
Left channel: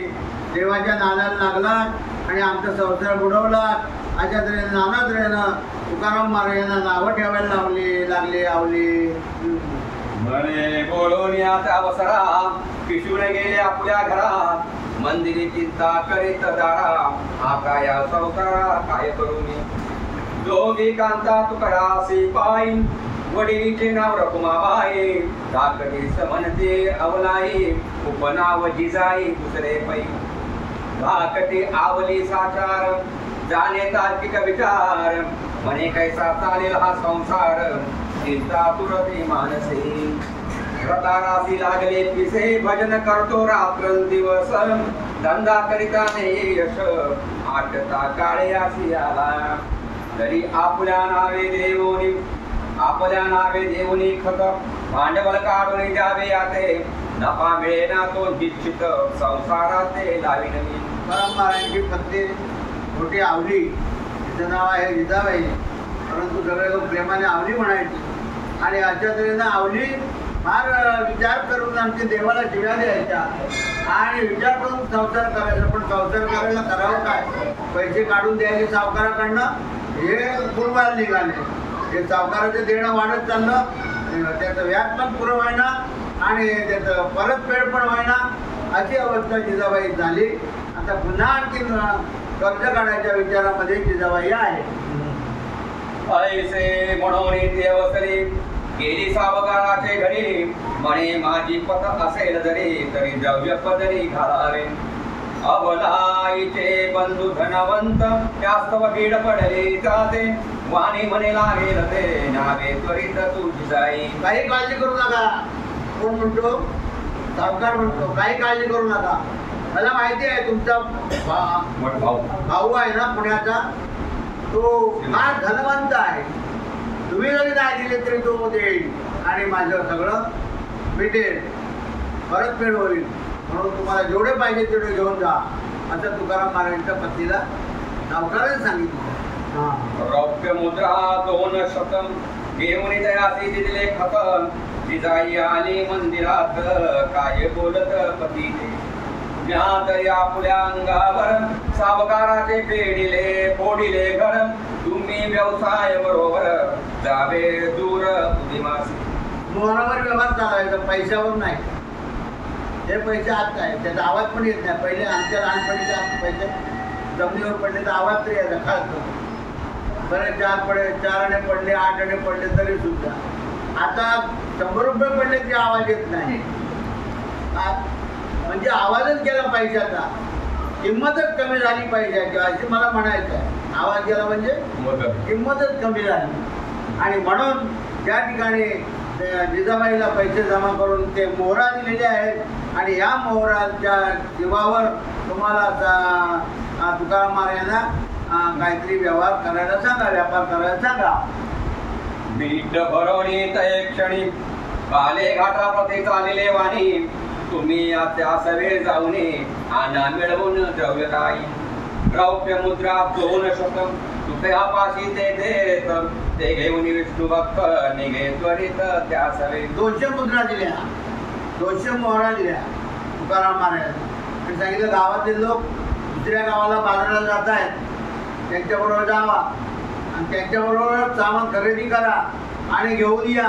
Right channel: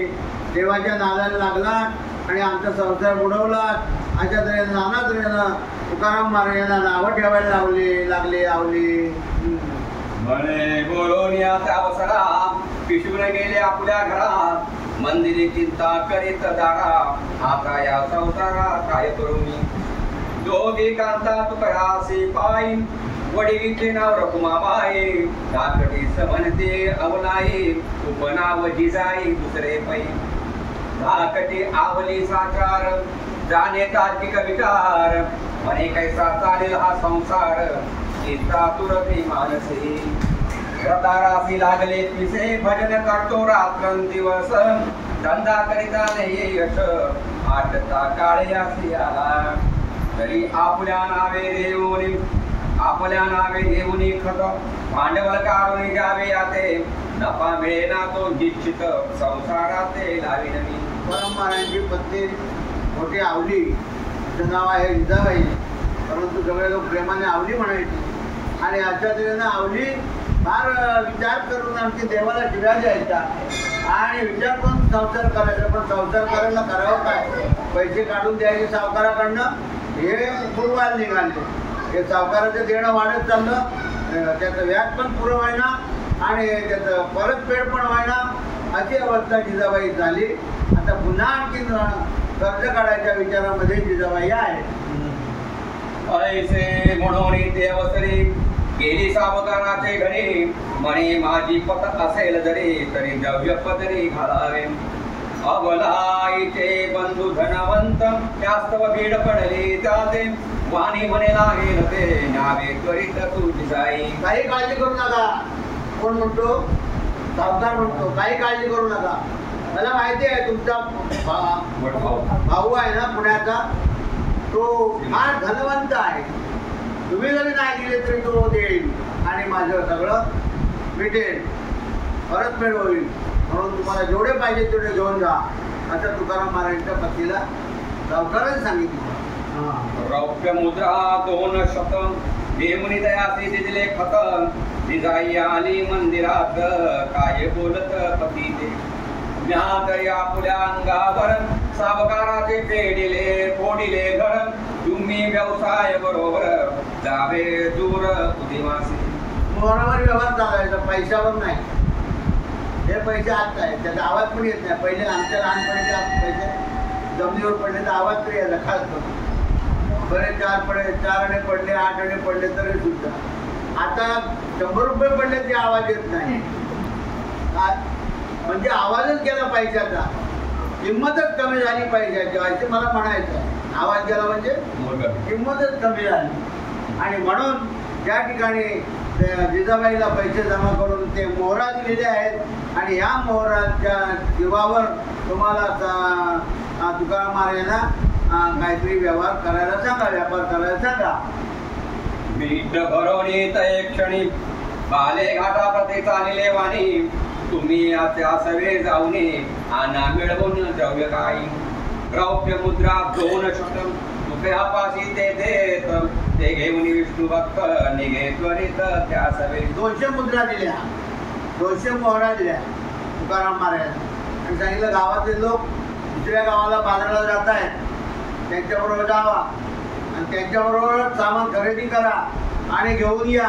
देवाच्या नादाला लागलात आणि आमचा संसार बुडवलात. अशा तऱ्हेनं नाना तऱ्हेनं तुकाराम महाराजांना नावं ठेवायला लागले आवली. म्हणे बोलोनिया अवसरा पिशून गेले आपल्या घरात मंदिरी चिंता करीत दारा आता या संसारा काय करू मी. दोघी कांता तुकयासी पायी वडीचे नाव रखुमाबाई धाकटी समनते अवलाई उपनाव जिजाई दुसरे पै धाकटी आवली साकार जाणे तार्किक विचार म्हणे कैसा चालेल हा संसार चिंता तुरती मानसे. प्रतारासी लागले पिसे भजन करतो रात्रंदिवस धंदा करिता नाही यश आटता काळयासी आला तरी आपल्या नावे देऊनी खत भांडवल काढून द्यावे याते नफा मिळेना तो निश्चित संसारात लावीन मी. तुकाराम महाराजांची पत्नी मोठी आवली, तिचं नाव आहे जिजाबाई, परंतु सगळे लोक प्रेमाने आवली म्हणायची. आणि अशा तऱ्हेनं आवली फार विचार करून आणखी देवाला शिव्या द्यायच्या आणि विचार करून संसार करायचा. पण संसार करायला करावं काय? पैसे काढून द्यायचे सावकाराकडनं, हे पूर्वायला निघाले. हे सावकाराचं देणं वाढत चाललं, त्याचं व्याज पण पुरं व्हायना आणि त्याचं परतफेड पण व्हायना, अशी अवस्था जिजाबाई झाली. आता पुन्हा आणखी कर्ज काढायच्या विचारामध्ये जिजाबाई आहे. ऐसे म्हणून ते अवसरी गेली सावकाराचे घरी, म्हणे माझी पत असेल जरी तरी द्रव्य पदरी घालावे. अबलाईचे बंधू धनवंत त्यास्तव भीड पडली जाते, वाणी म्हणे लागेल ते नावे त्वरित तुझी जाई. काही काळजी करू नका. कोण म्हणतो? सावकार म्हणतो काही काळजी करू नका. मला माहिती आहे तुमचा भाऊ आहे ना पुण्याचा, तो फार धनवंत आहे. तुम्ही जरी नाही दिले तरी तो देईल आणि माझं सगळं भेटेल, परतफेड होईल. म्हणून तुम्हाला जेवढे पाहिजे तेवढे घेऊन जा, असं तुकाराम महाराजांच्या पत्नीला सावकाराने सांगितलं. रौप्य मुद्रा 200 घेऊन दयासी दिले खत, जिजाई आली मंदिरात काय बोलत पती ते. तरी आपुल्या अंगावर सावकाराचे पेडिले फोडिले घर, तुम्ही व्यवसाय बरोबर जावे दूर उदिमासी. मोहरावर व्यवहार चालायचा, पैशावर नाही. हे पैसे आत आहे, त्याचा आवाज पण येत नाही. पहिले आमच्या लहानपणीचे पैसे जमिनीवर पडले तर आवाज तरी यायचा खास. बरे 4 आणे पडले, 8 आणे पडले तरी सुद्धा. आता 100 रुपये पडले ते आवाज येत नाही. म्हणजे आवाजच गेला पैशाचा, किंमतच कमी झाली पैशाची, असे मला म्हणायचं आहे. आवाज गेला म्हणजे किंमतच कमी झाली. आणि म्हणून त्या ठिकाणी जिजाबाईला पैसे जमा करून ते मोहरा दिलेले आहेत आणि या मोहराच्या जीवावर तुम्हाला तुकाराम महाराजांना काहीतरी व्यवहार करायला सांगा, व्यापार करायला सांगा. मीठ भरवणी तय क्षणी बाले घाटा प्रती चालिले वाणी, तुम्ही त्या सवे जाऊने आना मिळवून द्रव्य काही. रौप्य मुद्रा 200 रुपया पाशी ते देत, ते घेऊन विष्णू भक्त निघे त्वरित त्या सवे. 200 मुद्रा दिल्या, 200 मोहरा दिल्या तुकाराम महाराजांना आणि सांगितलं गावातले लोक दुसऱ्या गावाला बाजाराला जात आहेत, त्यांच्याबरोबर जावा आणि त्यांच्याबरोबर सामान खरेदी करा आणि घेऊन या,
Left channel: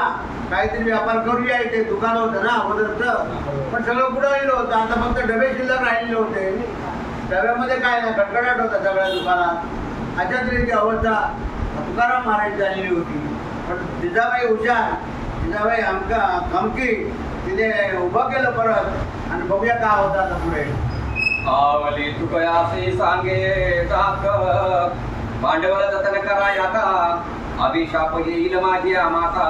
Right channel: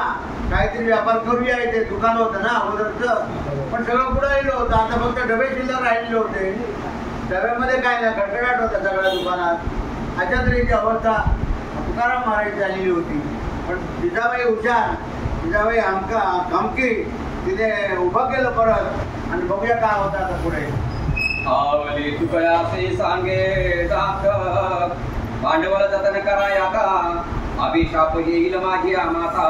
काहीतरी व्यापार करूया. इथे दुकान होतं ना अगोदरचं, पण सगळं पुढं राहिलं होतं. आता फक्त डबे शिल्लक राहिलेले होते. डब्यामध्ये काय नाही, कडकडाट होता सगळ्या दुकानात. अशा तऱ्हेची अवस्था तुकाराम महाराज झालेली होती. पण जिजाबाई हुशार, जिजाबाई खमकी तिथे उभं केलं परत आणि बघूया काय होतं आता पुढे. आवली तुकयासी सांगे दात, भांडवल जतन करा याता, अभिशाप येईल माझी माता,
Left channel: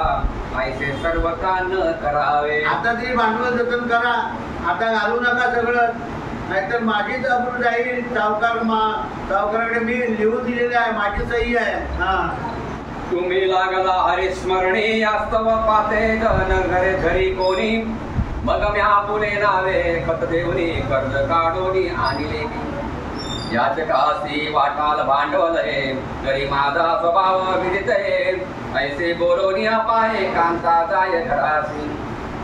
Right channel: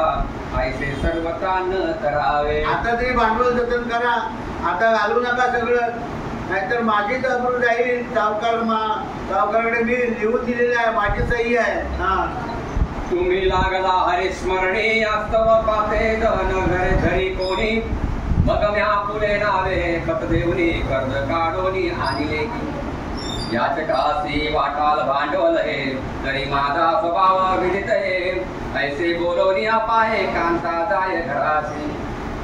ऐसे सर्व कान करावे. आता तरी भांडवल जतन करा, आता घालू नका सगळं, नाहीतर माझीच अब्रू जाईल. सावकाराकडे मी लिहून दिलेले आहे, माझी सही आहे. तुम्ही लागला हरिस्मरणी वास्तव पाते धन घर धरी कोणी, मग म्या पुले नावे खत देऊनी कर्ज काढोनी आणले. याचकासी वाटाल भांडवल हे, तरी माझा स्वभाव विदित हे, ऐसे बोलोनी पाहे कांता जाय घरासी.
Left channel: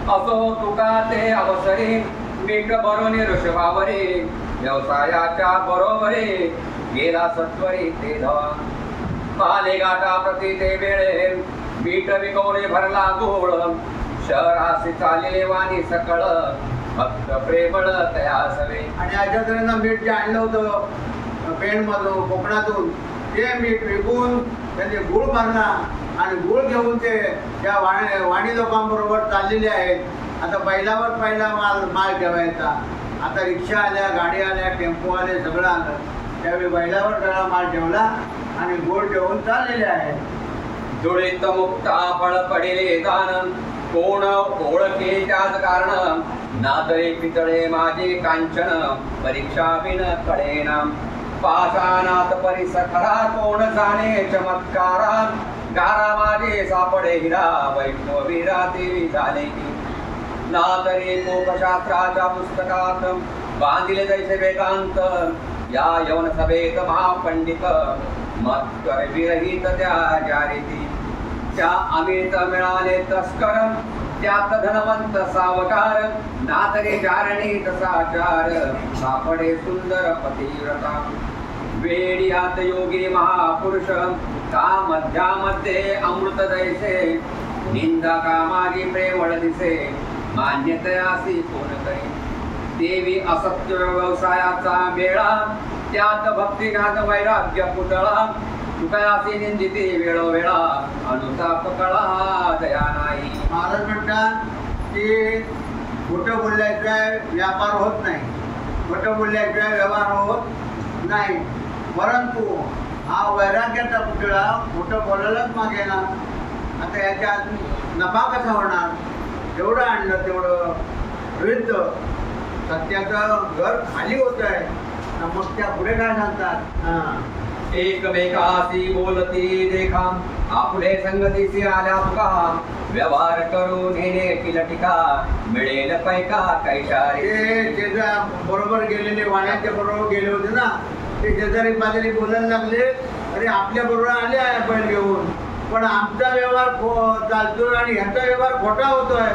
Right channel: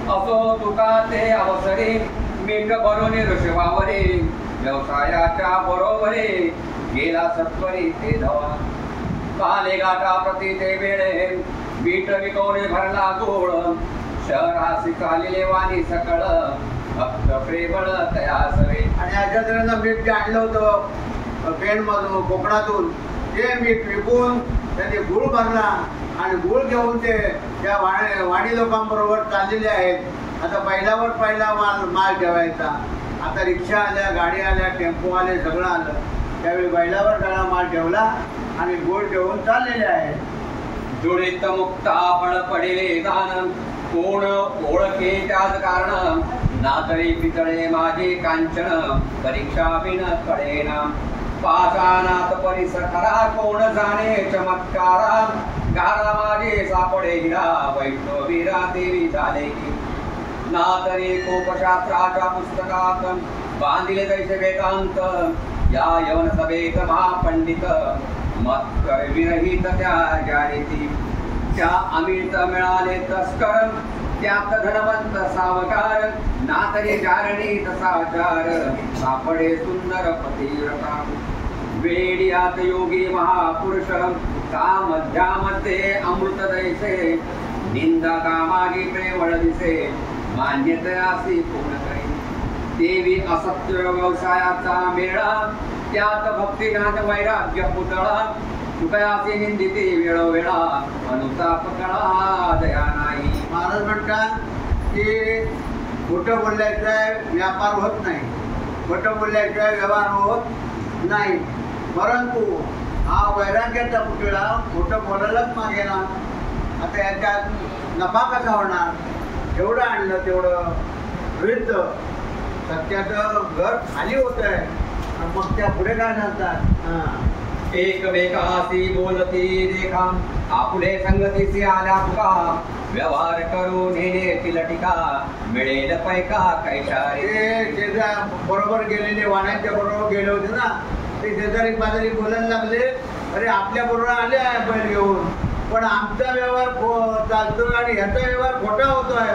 असो तुका ते अवसरी मीठ भरून ऋषभावरी, व्यवसायाच्या बरोबरी गेला सत्वरी ते धवा. पाले गाठा प्रति ते वेळे मीठ विकवणे भरला गोळ, शहरासी चालिले वाणी सकळ, भक्त प्रेमळ तयासवे. आणि अशा तऱ्हेनं मीठ जे आणलं होतं पेणमधून कोकणातून, ते मीठ विकून त्यांनी गुळ भरला आणि गुळ घेऊन ते त्या वाणी लोकांबरोबर चाललेले आहेत. आता पहिल्यावर पहिला माल ठेवायचा. आता रिक्षा आल्या, गाडी आल्या, टेम्पो आले, सगळं आलं. त्यावेळी बैलावर सगळा माल ठेवला आणि गोळ ठेवून चाललेले आहेत. दुरित मुक्ता फळ पडिले दान, कोण ओळखे त्याच कारण, नातळे पितळे माझे कांचन, परीक्षा बिन कळेना. पाषाणात परिसखरा कोण जाणे चमत्कारा, गारा माझे सापडे हिरा, वैष्णवीरा देवी झाले की. नातरी कोपशास्त्राच्या पुस्तकात बांधिले जैसे वेदांत, या यवन सभेत महापंडित मत विरहित त्या जारीती. त्या अमित मिळाले तस्कर त्यात धनवंत सावकार ना तरी जारणी तसा चार सापडे सुंदर पतिव्रता वेडियात योगी महापुरुष का मध्यामध्ये अमृत दैसे निंदा कामागी प्रेमळ दिसे मान्यतयासी कोण करे देवी असत्य व्यवसायाचा मेळा त्यात भक्तिनाथ वैराग्य पुतळा तुकयासी निंदिते वेळोवेळा अनुताप कळा दया नाही. महाराज म्हणतात की खोटं बोलल्याशिवाय व्यापार होत नाही, खोटं बोलल्याशिवाय व्यवहार होत नाही. परंतु हा वैराग्याचा पुतळा खोटं बोलायलाच मागे ना. आता याच्यात नफा कसा होणार? जेवढं आणलं तेवढं वृद्ध सत्याचं घर खाली होत आहे. मग त्या पुढे काय सांगतात? एकमेकाशी बोलती देखा आपुले संगतीशी आल्या तुका व्यवहार करून नेणे टिका मिळेल पैका कैशारे. बरोबर गेलेले वाण्याच्या बरोबर गेले होते ना, ते शेजारी पाजारी बोलायला लागले, अरे आपल्या बरोबर आले आहे बैल घेऊन, पण आमचा व्यवहार चालतोय आणि ह्याचा व्यवहार खोटा होतोय.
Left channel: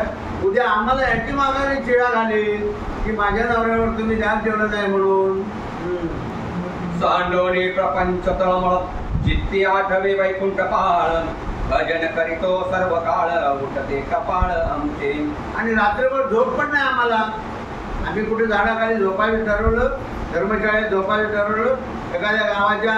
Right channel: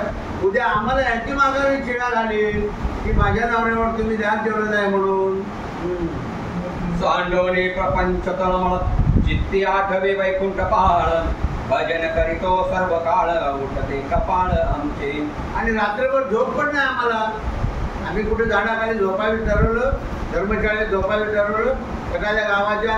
उद्या आम्हाला ह्याची माघारी चिळा घालील की माझ्या नवऱ्यावर तुम्ही ध्यान ठेवलं नाही म्हणून. सांडोनी प्रपंच तळमळ चित्ती आठवे वैकुंठ पाळ भजन करीतो सर्व काळ उठते कपाळ आमचे. आणि रात्रभर झोप पण नाही आम्हाला. आम्ही कुठे झाडाखाली झोपायला ठरवलं, धर्मशाळेत झोपायला ठरवलं, एखाद्या गावाच्या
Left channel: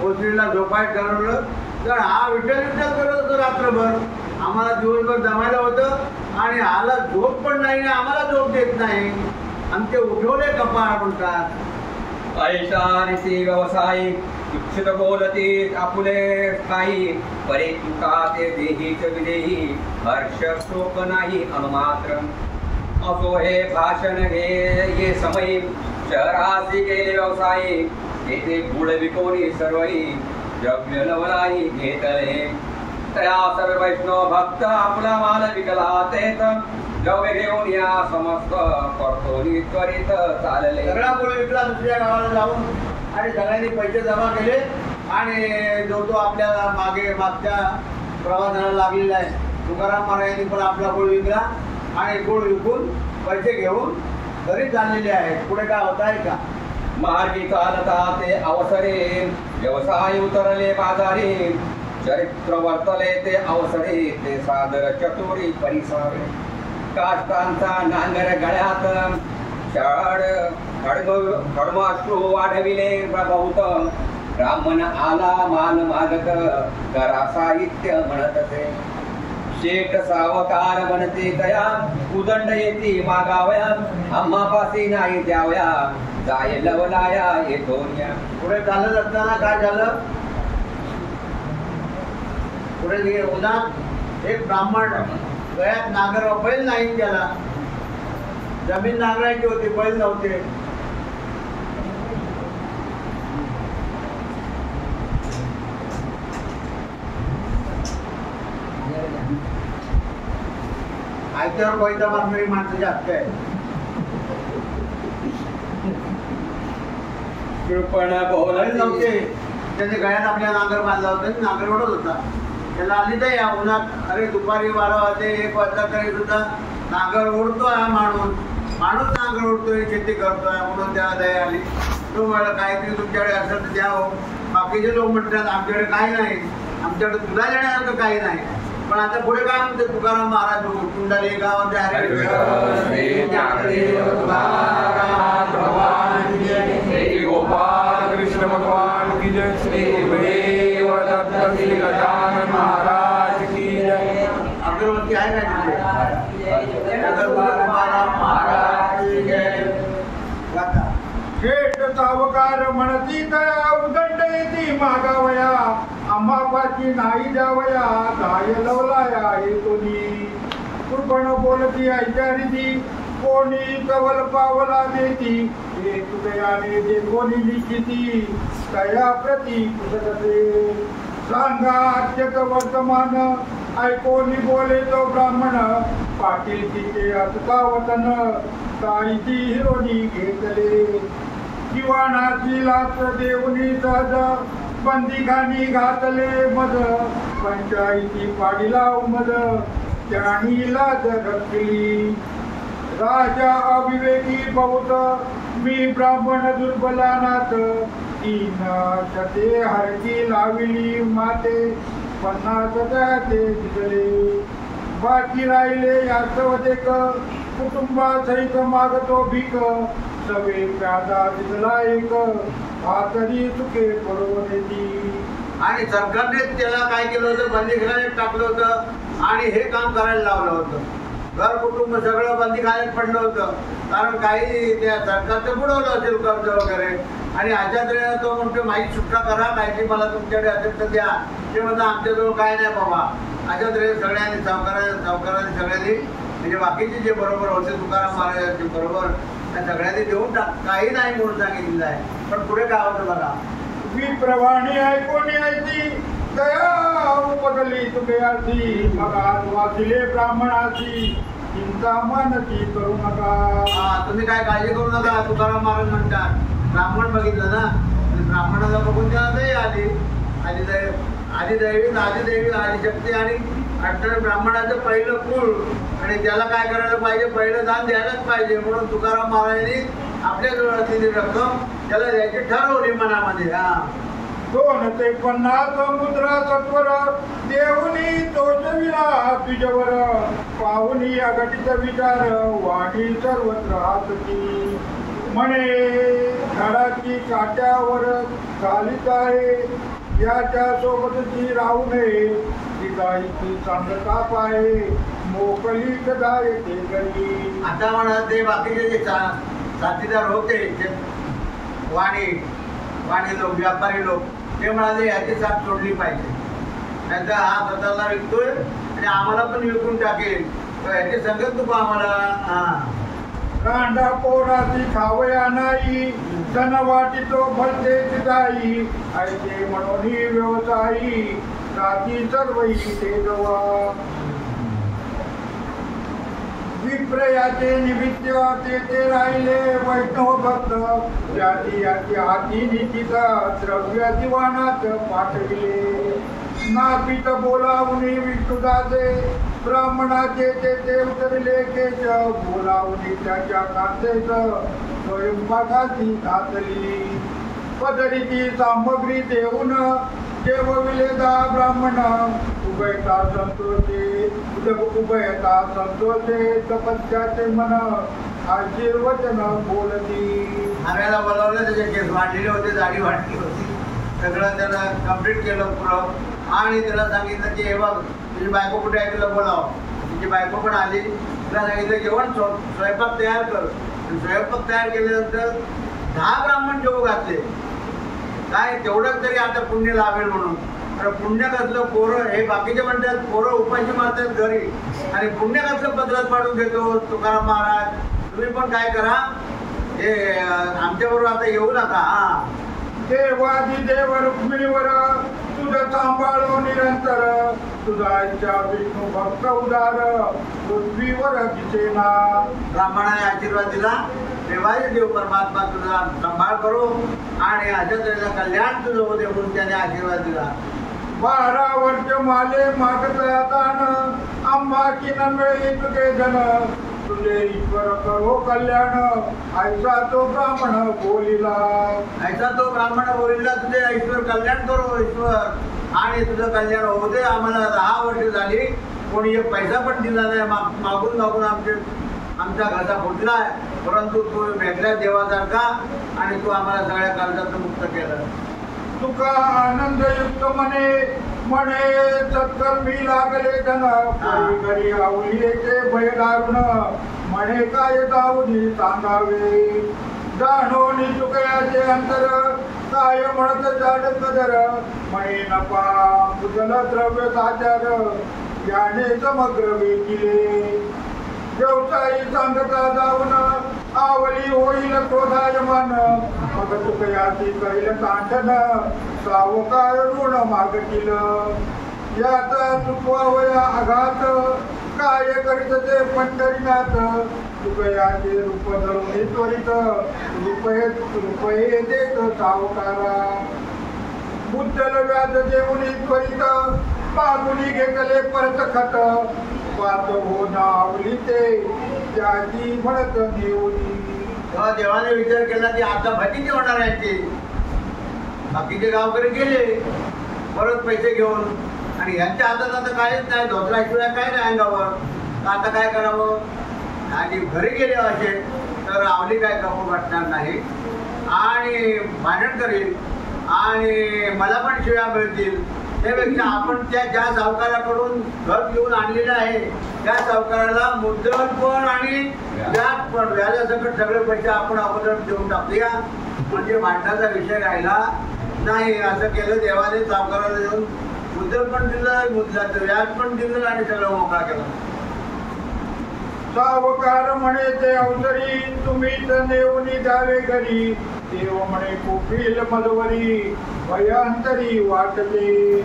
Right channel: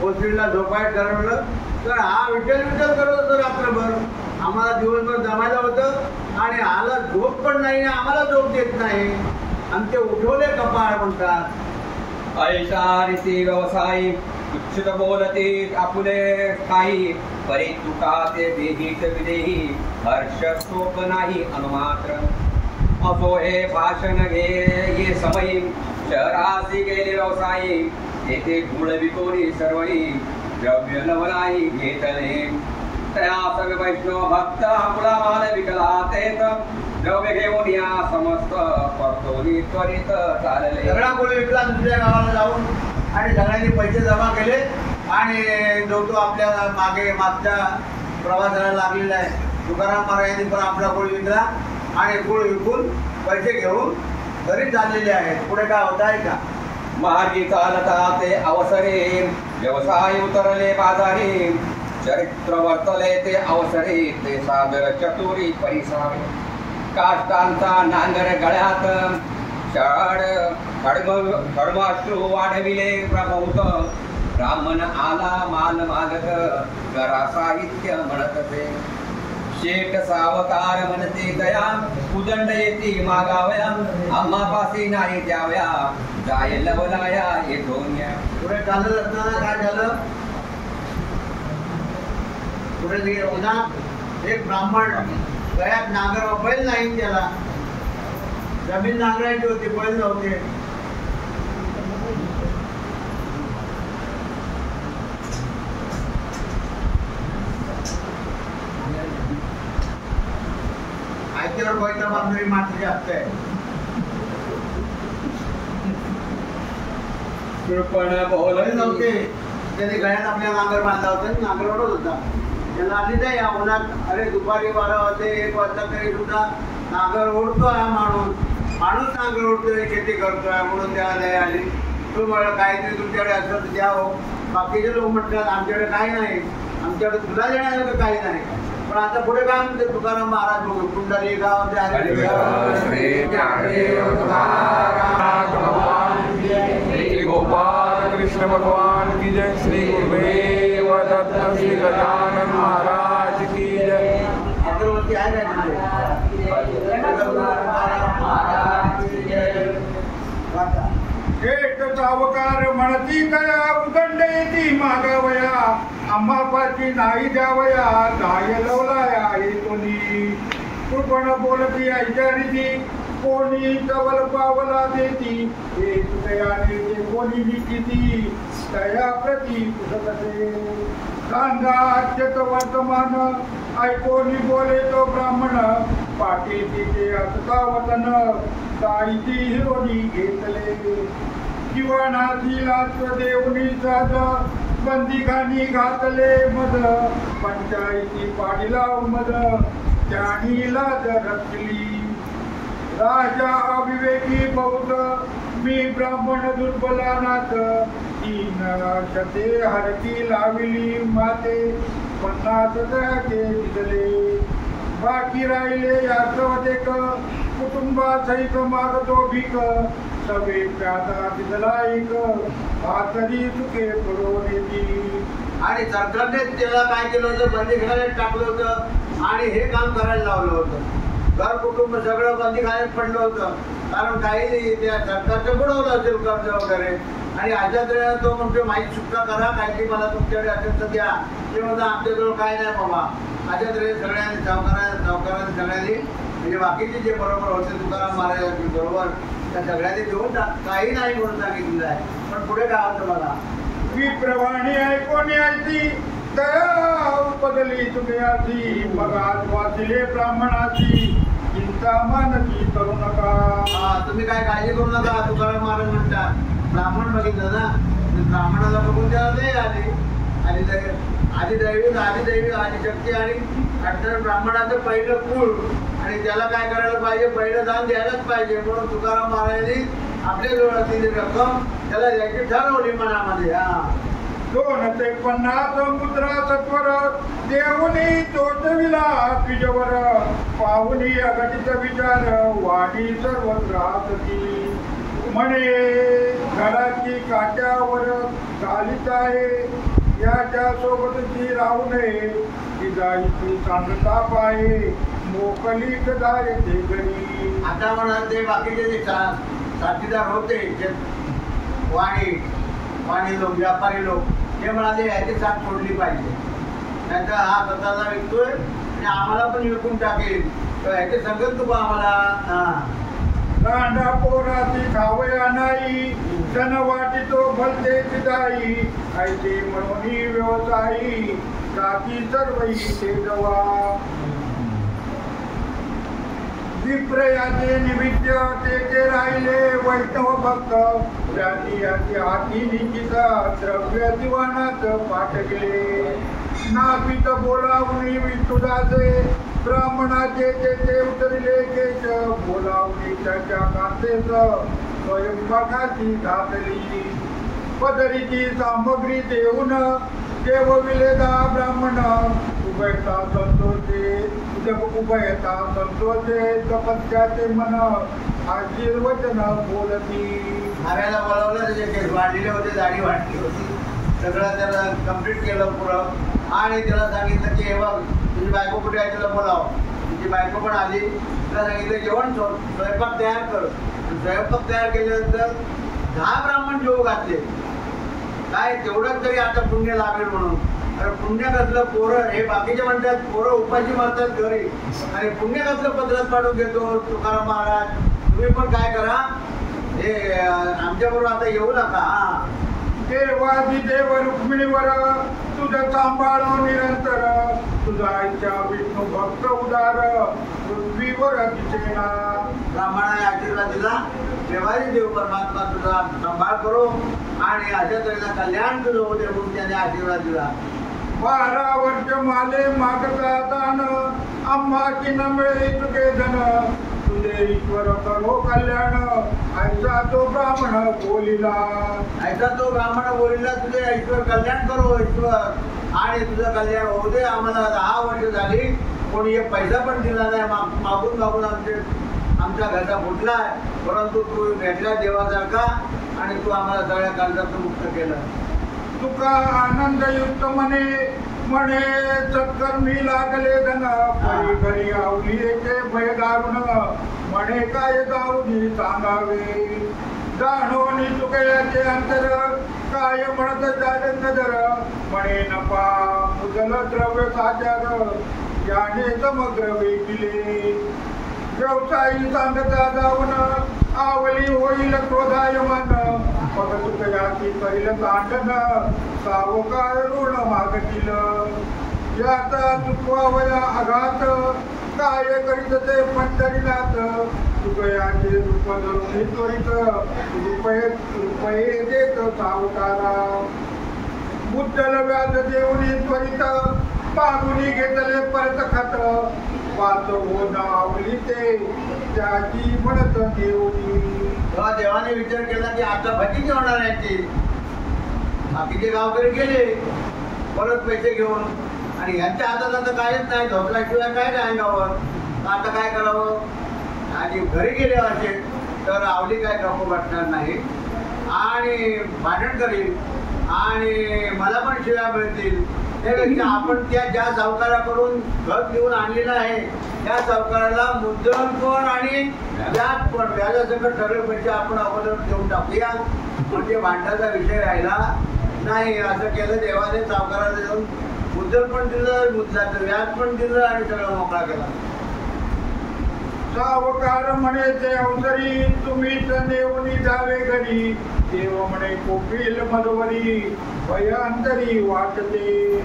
पोचरीला झोपायला ठरवलं, तर हा विठ्ठल विठ्ठल करत होतो रात्रभर. आम्हाला दिवसभर जमायला होतं आणि आला झोप पण नाही, आम्हाला झोप देत नाही. आमचे उठवले कपाळ म्हणतात. ऐसा रीती व्यवसायी उच्छित बोलती आपुले काही परी तुका ते देहीच विदेही हर्ष शोक नाही अनुमात्र. असो हे भाषण घे ये समयी शहरासी गेले व्यवसायी येथे गुळ विकोणी सर्वई द्रव्य लवलाई घेतले. तया सर्व वैष्णव भक्त आपला माल विकला तेच द्रव्य घेऊन या समस्त परतोनी त्वरित चालले. सगळा गुळ विकला दुसऱ्या गावाला जाऊन आणि सगळ्यांनी पैसे जमा केले आणि जो तो आपल्या मागच्या प्रवासाला लागलेला आहे. तुकाराम महाराजांनी पण आपला गुळ विकला आणि गुळ विकून पैसे घेऊन घरी चाललेले आहेत. पुढे काय होत आहे का? मार्गी चालता ते अवसरे व्यवसाय उतरले बाजारी चरित्र वर्तले ते अवसरे ते सादर चतुरी परिसार. काष्टांचा नांगर गळ्यात खडमाश्रू वाढविले प्रभूत ब्राह्मण आला माल मागत करा साहित्य म्हणत ते. शेठ सावकार म्हणते दया उदंड येती मागावया आम्हापासी नाही द्यावया जाय लवलाया येतोन्या. पुढे चालत असताना काय झालं? पुढे उन्हा एक ब्राह्मण गळ्यात नांगर, बैल नाही त्याला, जमीन नांगरायची होती, बैल नव्हते. आयत्यावर पैसा मारणारी माणसं जास्त आहे. बैल नव्हते, त्याने गळ्यात आपल्या नांगर बांधला होता, नांगर ओढत होता. त्याला आली नाही या उन्हात, अरे दुपारी 12 वाजते 1 वाजता तरी सुद्धा नांगर ओढतोय हा माणूस नांगर ओढतोय, शेती करतोय म्हणून त्याला दया आली. तो मला काहीतरी तुमच्याकडे असं तर द्या हो. बाकीचे लोक म्हणतात आमच्याकडे काही नाही, आमच्याकडे तुला देण्यासारखं काही नाही. पण आता पुढे काय म्हणते तुकाराम महाराज बघू कुंडली गाव गोपाल कृष्ण भगवान की जय. श्री गुरुदेव दत्त श्री गजानन महाराज की जय. अगरबत्ती आहे का? शेठ सावकार म्हणती दया उदंड येती मागावया आम्हापाची नाही द्यावया गाय लवलाया हे कोणी. कृपण बोलती ऐचारिती कोणी तवल पावला देती हे तुकयाने जे कोणी निश्चिती तया प्रती पुसतसे. सांगा अत्यत वर्तमान ऐकोनी बोले तो ब्राह्मण पाटील तिचे असता वतन ताईची हिरोनी घेतले. जीवनाची लाच देऊनी सहज बंदिखानी घातले मद पंचायती पाडीला मद त्यानीला रचली राजा अविवेकी बहुत मी ब्राह्मण दुर्बलानाथ तीन शते हरकी लाविली माते 50 ते दिसले बाकी राहिले यासवदेक कुटुंबा सैक मागतो भीक सवे प्यादा दिसला एक भातरी चुके पडून येती. आणि सरकारने त्याला काय केलं होतं, बंदीखान्यात टाकलं होतं आणि हे काम करायला लावलं होतं. घर कुटुंब सगळं बंदीखान्यात पडलं होतं. कारण काही त्या सरकारचं बुडवलं असेल कर्ज वगैरे. आणि अशात तो म्हणतो माहीत सुट्टा करा, काहीची मला तुमच्याकडे असेल तर द्या. ते म्हणतं आमच्याजवळ काय नाही बाबा. अशात सगळ्यांनी सावकारांनी सगळ्यांनी म्हणजे बाकीचे जे बरोबर होते तुकाराम महाराजांचे बरोबर त्या सगळ्यांनी देऊन काही नाही म्हणून सांगितलेलं आहे. पण पुढे काय होतं बघा, विप्रवाणी ऐकून यायची दया उपदली तुकयाची मग आज वाचले ब्राह्मणाची चिंता मनची करू नका. तुम्ही काय काळजी करू नका. तुकाराम महाराज म्हणतात ब्राह्मण बघितलं ना, ब्राह्मणाला बघून त्याला दया आली. आदिदैवी आदिशक्ती आणि अठरा ब्राह्मणाचं पहिलं कुळ आणि त्याला काय करायला पाहिजे, पहिलं दान द्यायलाच पाहिजे. म्हणून तुकाराम महाराजांनी आपल्याजवळ असलेली रक्कम त्याला द्यायची ठरवली मनामध्ये. 2 ते 50 मुद्रा सत्वर देऊनी तोचविला तुझ्यावर पाहुनी अघटित विचार वाणी सर्वत्र हातती म्हणे झाडाची काट्यावर चालीच आहे याच्या सोबतची राहू नये ती गायची चांदताप आहे मोकली कदा येते घरी. आता म्हणा ते बाकीचे जे साथीदार होते वाणी लोक व्यापारी लोक ते म्हणाले याची साथ सोडली पाहिजे, नाहीतर हा स्वतःला विकतोय आणि आम्हाला पण विकून टाकेल, तर याची संगत तू आम्हाला. रांडा पोराची खावया नाही सण वाटितो भलते सिदाई ऐसे म्हणून व्यवसायी जाती सर्वही ते जवा. विप्रयाचे निमित्त ते राहिले वैष्णव भक्त जाती याचे हाती निश्चित द्रव्य दिवाणात पाठविले नापित बोलावून विष्णुदासे ब्राह्मणाचे ते उतरले केश बोलावून त्याच्या कांतेच स्वयंपाकाची घातली पदरीची सामग्री देऊन जेवविले ब्राह्मण उभयता संतोषे तपस्याचे मन आशीर्वचन बोलती. नव्याला बोलावलं, त्याचे केस वाढलेले होते, दाढी वाढली होती, सगळं त्याला कम्प्लीट केलं पुरं आणि त्याला सांगितलं की हे बघ तुझी बायको कुठे आहे तुला बोलाव. तुझी बायको पण आली, तिला सांगितलं जेवण स्वयंपाक तयार कर. स्वयंपाक तयार केल्यानंतर 10 ब्राह्मण जेवू घातले. काय तेवढंच तरी आता पुण्य लाभेल म्हणून. पुण्य कसलं पोरं हे बाकीचे म्हणतात पोरं उपाशी मारतात घरी आणि पुण्य कसलं पत्रात पाठवून घेतो तुकाराम महाराज. तुम्ही पण काय करा, हे आमच्याबरोबर आता येऊ नका. देवादिदेव रुक्मिणीवर तुझं सांभाळो निरंतर तुझा इच्छा विष्णू भक्त उदार पृथ्वीवर दिसेना. ब्राह्मणाने आशीर्वाद दिला, देवादी देव परमात्मा तुझा सांभाळ करो आणि अशा तऱ्हेला कल्याण तुझं होते म्हणून त्याने आशीर्वाद दिला. 12 वर्ष माले मागता दान आम्हा की न मिळे तुझे धन तुझे ईश्वर करो कल्याण ऐसा तो ब्राह्मण बोलिला. ऐसा तो ब्राह्मण बोलिला तुझे ईश्वर कल्याण करो ईश्वर आणि तुझं कल्याण होऊ दे. आम्हाला 10 वर्ष झाली कोणी एक पैसा पण दिला नाही, मागून आमचा घरचा फुटलाय, परंतु तू भेटल्या देवासारखा आणि तू आम्हाला सगळ्या कर्जातून मुक्त केलं. तुका आनंदयुक्त म्हणे सत्कर्मी लागले धन घरी आवली येते भय दारुण म्हणे काय दारुणी सांगावे जाणून चुकयाचे अंतर काय म्हणत जाड नजर म्हणे नपा मुजल द्रव्य साचार याने समग्र वेचिले. व्यवसायी सांगता जाऊन आवली होईल क्रोधायमान मग तुकयाची करील तांडन सावकार ऋण मागतील. याचा चुकवावया आघात काय करीत ते पंढरीनाथ तुकयाचे रूप धरून त्वरित रुपये देत सावकारा. बुद्धल व्याज जेवणी त्वरित मागुनी घेतले परत खत वाद हो नावली ते त्याची म्हणत देवणी. तेव्हा देवाने विचार केला की आता भजी होणार आहे ती. बाकीचे गावकरी गेले परत पैसे घेऊन आणि यांच्या हातात आता काहीच नाही, धोत्राशिवाय काय नाही अंगावर. आता काय करावं आणि घरी गेले असे तर आवली काय गप्प वाटणार नाही आणि भांडण करील आणि मला पण शिव्या मिळतील. त्यापेक्षा आपण ज्या सावकाराकडून घर घेऊन आणलेलं आहे त्या सावकाराला मुद्दल पण आणि व्याज पण व्याजासकट सगळे पैसे आपण अगोदर देऊन टाकूया म्हणजे भांडणाचा विषय राहिला नाही. असं केलं देवाने सावकाराला देऊन मुद्दल पण दिलं, मुद्दलाचं व्याज पण दिलं आणि सगळं मोकळा केला. सावकार म्हणे ते अवसरी तुम्हीच नेवणी जावे घरी देव म्हणे कोपील मधवरी भयांतरी वाटते.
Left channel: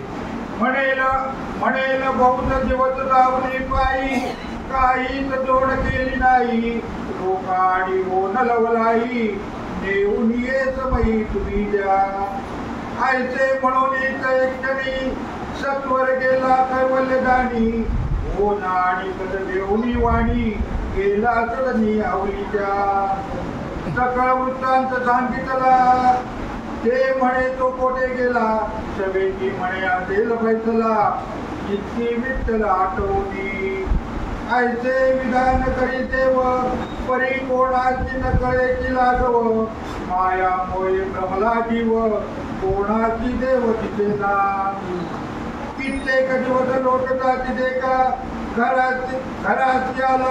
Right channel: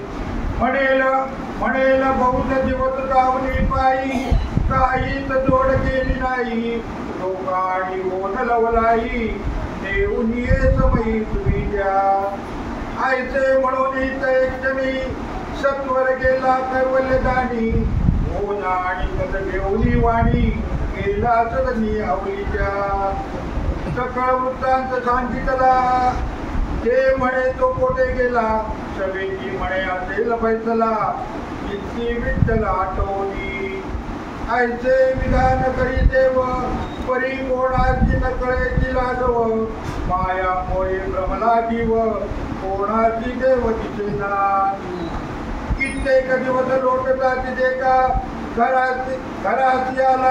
म्हणेल बहुत दिवस जावली पायी काहीच जोड केली नाही लोकाडी ओन लवलाई नेऊन ये समयी तुम्ही द्या. आयचे म्हणून एक क्षणी सत्वर गेला कैवल्यदानी ओन आणि कद घेऊनी वाणी गेला सदनी आवलीच्या. सकळ वृत्तांत सांगितला ते म्हणे तो कोठे गेला सभेची म्हणे असेल फैसला इतकी विठ्ठल आठवणी. आयचे विधान करी देव परी कोणाची न कळेची लागव माया मोये भ्रमला जीव कोणाची देव दिसेना. कित्येक दिवस लोटता तिथे का घराची आला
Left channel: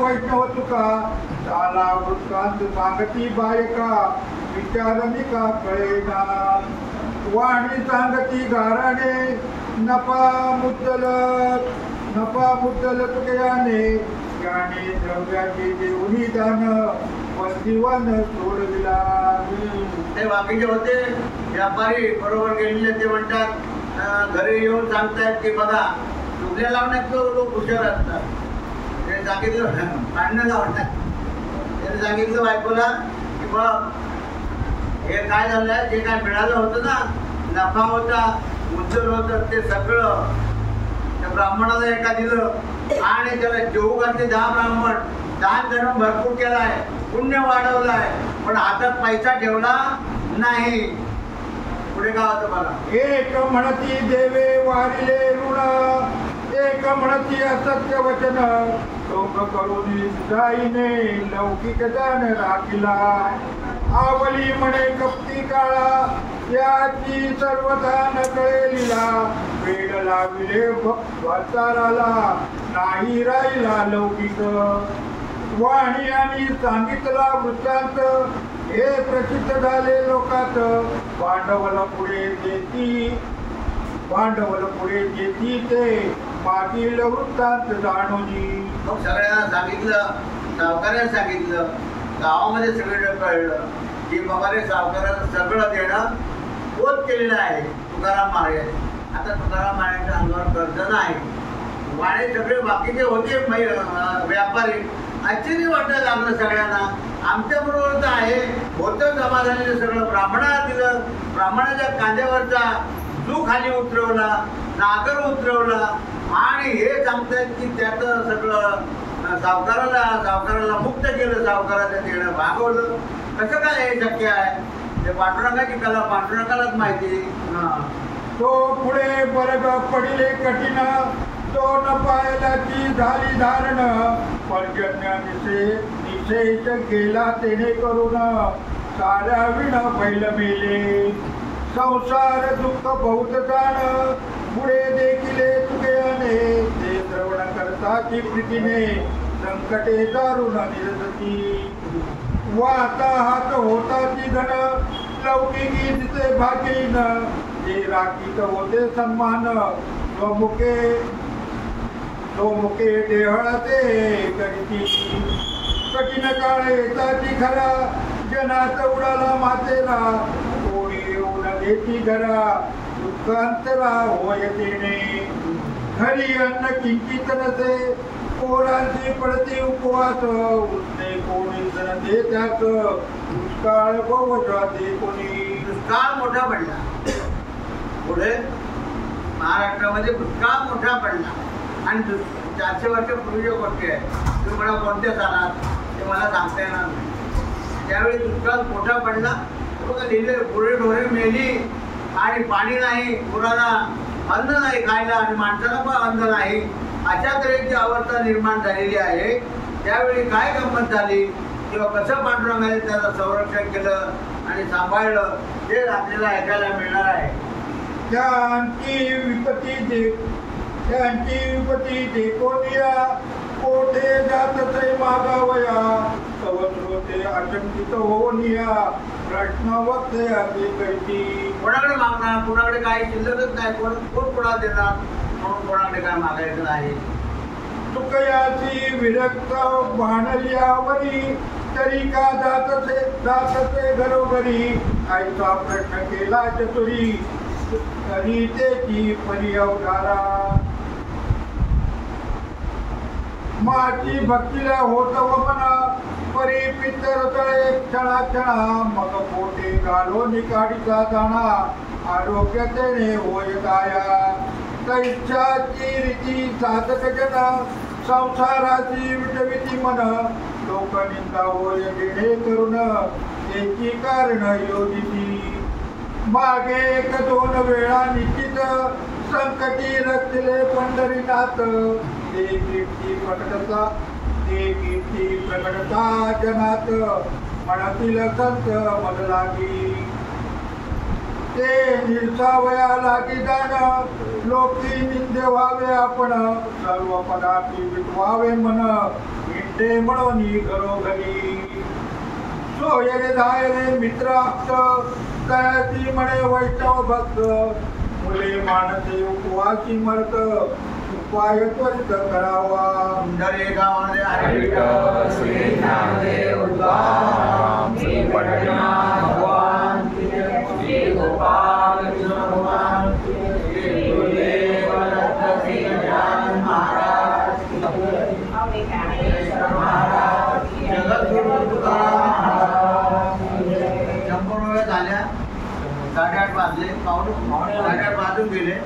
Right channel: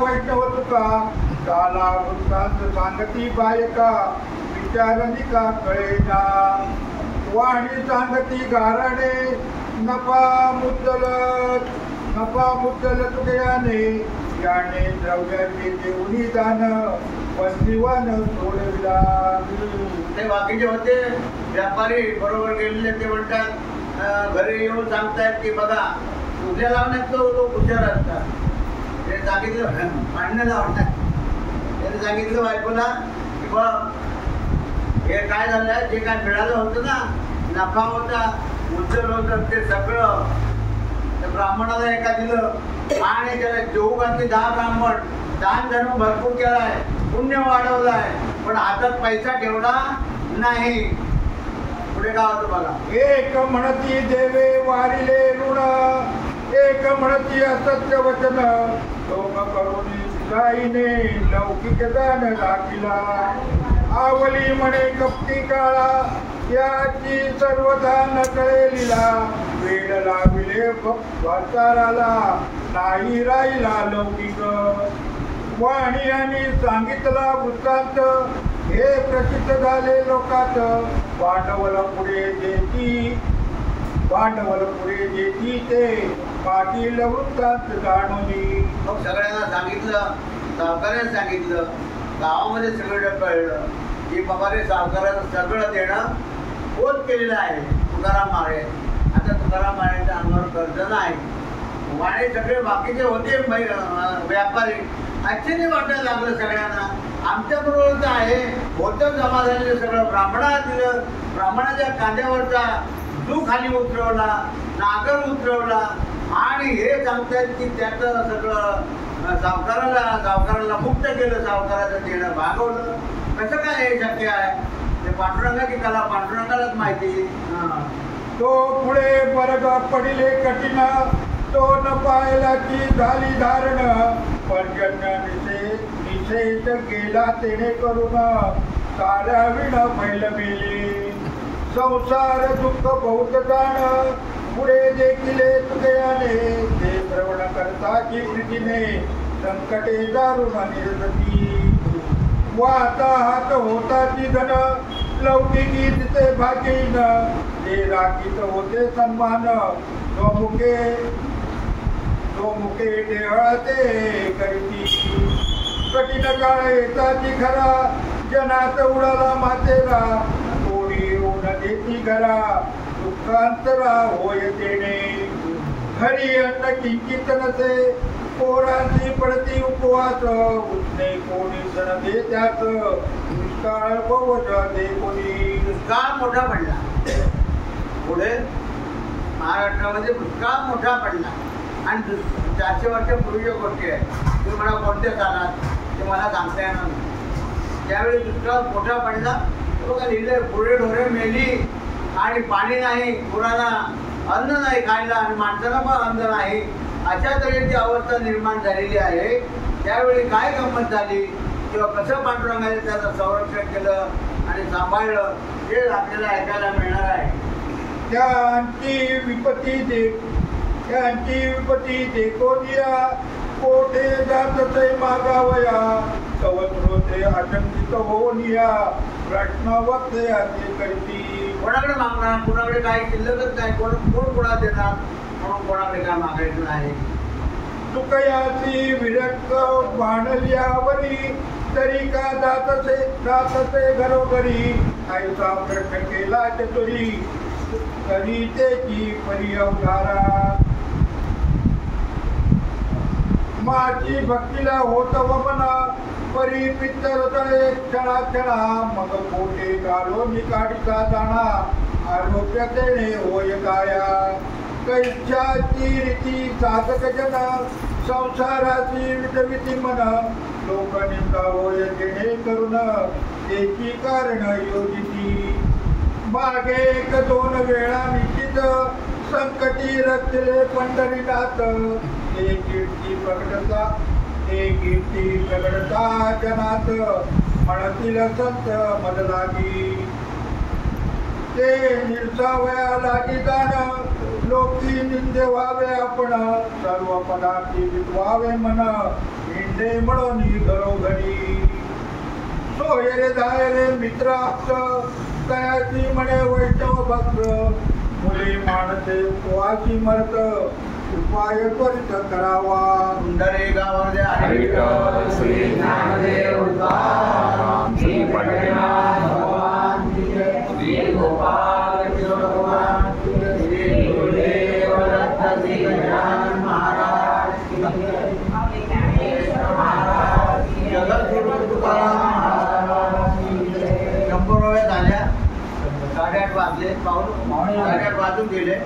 वैष्णव तुका चाला वृत्तांत सांगती बायका विचारणी का कळेना. वाणी सांगती गाराणे नफा मुद्दल तुकयाने याने द्रव्याचे देऊनी दान बंदिवान सोडला. ते बाकीचे होते व्यापारी बरोबर गेलेले ते म्हणतात घरी येऊन सांगतायत की बघा दुसऱ्या लावण्यात लोक हुशार असतात. ते सांगितलं भांडणं लावण्यात त्याने सांगितलं बायकोला की बघ हे काय झालं जे काय मिळालं होतं ना नफा होता उज्ज्वल होतं ते सगळं त्या ब्राह्मणाला एका दिलं आणि त्याला जेऊ घातले 10 ब्राह्मण दान धर्म भरपूर केलाय पुण्य वाढवलाय पण हातात पैसा ठेवला नाही. पुढे काय होतं बघा. एक म्हणती देवे वारिले ऋण एक म्हणती असत्य वचन लोक करून गाईने लौकिक दान राखिला. आवली म्हणे कपटी काळा याची सर्वदान कळेलीला वेळ लाविले भक्ताराला नाही राहिला लौकिक. वाणी आणि सांगितला वृत्तांत हे प्रसिद्ध झाले लोकात भांडवल पुढे देती ते मागील वृत्तांत जाणूनी. मग सगळ्यांना सांगितलं सावकाराने सांगितलं गावामध्ये सगळं कळलं की बाबा रे सावकाराला सगळं देणं बोध केलेलं आहे तुकाराम महाराज. आता तुकाराम महाराजांच्या अंगावर कर्ज नाही. वाणे सगळे बाकीचे होते व्यापारी आश्चर्य वाटायला लागलं सगळ्यांना आमच्या बरोबर आहे होतं जमा झालेलं सगळं ब्राह्मणाला दिलं. ब्राह्मणाच्या कांद्यावरचा जू खाली उतरवला नागर उतरवला आणि हे सांगतायत की त्याचं सगळं सावकाराला मुक्त केलं सावकाराचं देणं भागवलं. कसं काय हे शक्य आहे ते पांडुरंगाची कला पांडुरंगालाच माहिती. तो पुढे बरग पडिले कठीण तो न पायला ती झाली धारण पर्जन्य निशेष गेला तेने करून साऱ्या विण पैल मेले. संसार दुःख बहुत जाण पुढे देखिले तुकयाने ते श्रवण करताची प्रीतीने संकटे दारुण निर्गती. वाहता हात होताची धन लौकिकी दिसे भागीन ते राखीत होते सन्मान मुके देहळते करीती. कठीण काळ येताची खरा जनात उडाला मातेला कोणी येऊन देती घरा दुःखांतरा होय देणे. खरी अन्न किंचित नसे पोरांची पडती उपवास उठणे कोणी सण दे त्याच दुष्काळ बहुजा दे कोणी. दुष्काळ मोठा पडला. पुढे महाराष्ट्रामध्ये दुष्काळ मोठा पडला आणि 400 वर्षापूर्वीच्या गोष्टी आहेत. तुम्ही मला कोणत्या सालात ते मला सांगता येणार नाही. त्यावेळी दुष्काळ मोठा पडला. बघा लिहिले, पुढे ढोरे मेली आणि पाणी नाही, पुराला अन्न नाही खायला आणि माणसाला पण अन्न नाही, अशा तऱ्हेची अवस्था निर्माण झालेली आहे. त्यावेळी काय गंमत झाली किंवा कसं पांडुरंगाने त्याला संरक्षण केलं आणि सांभाळलं हे आपल्याला ऐकायला मिळणार आहे. त्यांची विपत्ती देखोनिया कोठे जात ते मागावया सवत्रोते अचंकित होनिया प्रश्न वक्ते असे करती. कोणाकडे मागणार, कोणाकडे काही शिल्लकच नाही, कोण कोणाला देणार म्हणून कोणाकडे काय मागायचं नाही. तुकयाची विरक्त बाणल्यावरी तरी का जातसे घरोघरी आईचा प्रश्न केला चतुरी तरी त्याची परी अवधारा. माची भक्तीला होत वमन परी पितर तळे क्षणा क्षणा मग पोटे घालो निकाडीचा दाणा आरोग्य तेणे होय काया. कैच्छाची रीती साधक जन संसाराची विटविती मन लोकनिंदा होय जेणे करून त्याची कारण योजिती. मागे 1-2 वेळा निश्चित संकटी रचले पंढरीनाथ एक कीर्ती प्रकटता जनात म्हणतील संत मद लागी. ते निर्सावया लागी जाण लोकी निंदे व्हावे आपण सर्व पदार्थी विटवावे मन इंडे म्हणून घरोघरी. सोयरे धायरे मित्र तयाची म्हणे वैष्णव भक्त मुले माणसे उपवासी मरत उपाय त्वरित करावा. पुंडरे गावामध्ये विठ्ठल श्री ज्ञानदेव तुकाराम श्री पंढरीनाथ भगवान श्री गोपाल कृष्ण भगवान श्री गुरुदेव दत्त श्री गजानन महाराज जगद्गुरु तुकाराम महाराज. 100 झाल्या. 8:30 वाजले. 8:30 वाजून गेले.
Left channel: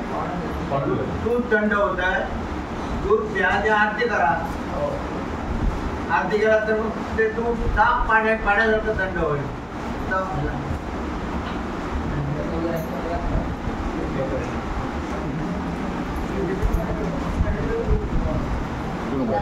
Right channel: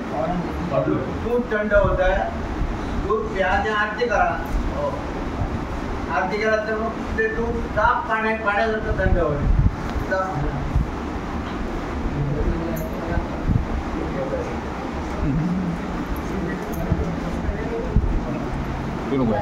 दूध थंड होत आहे. दूध प्या आणि आरती करा. आरती केला तर मग ते दूध साफ पाण्यासारखं थंड होईल. तुम्ही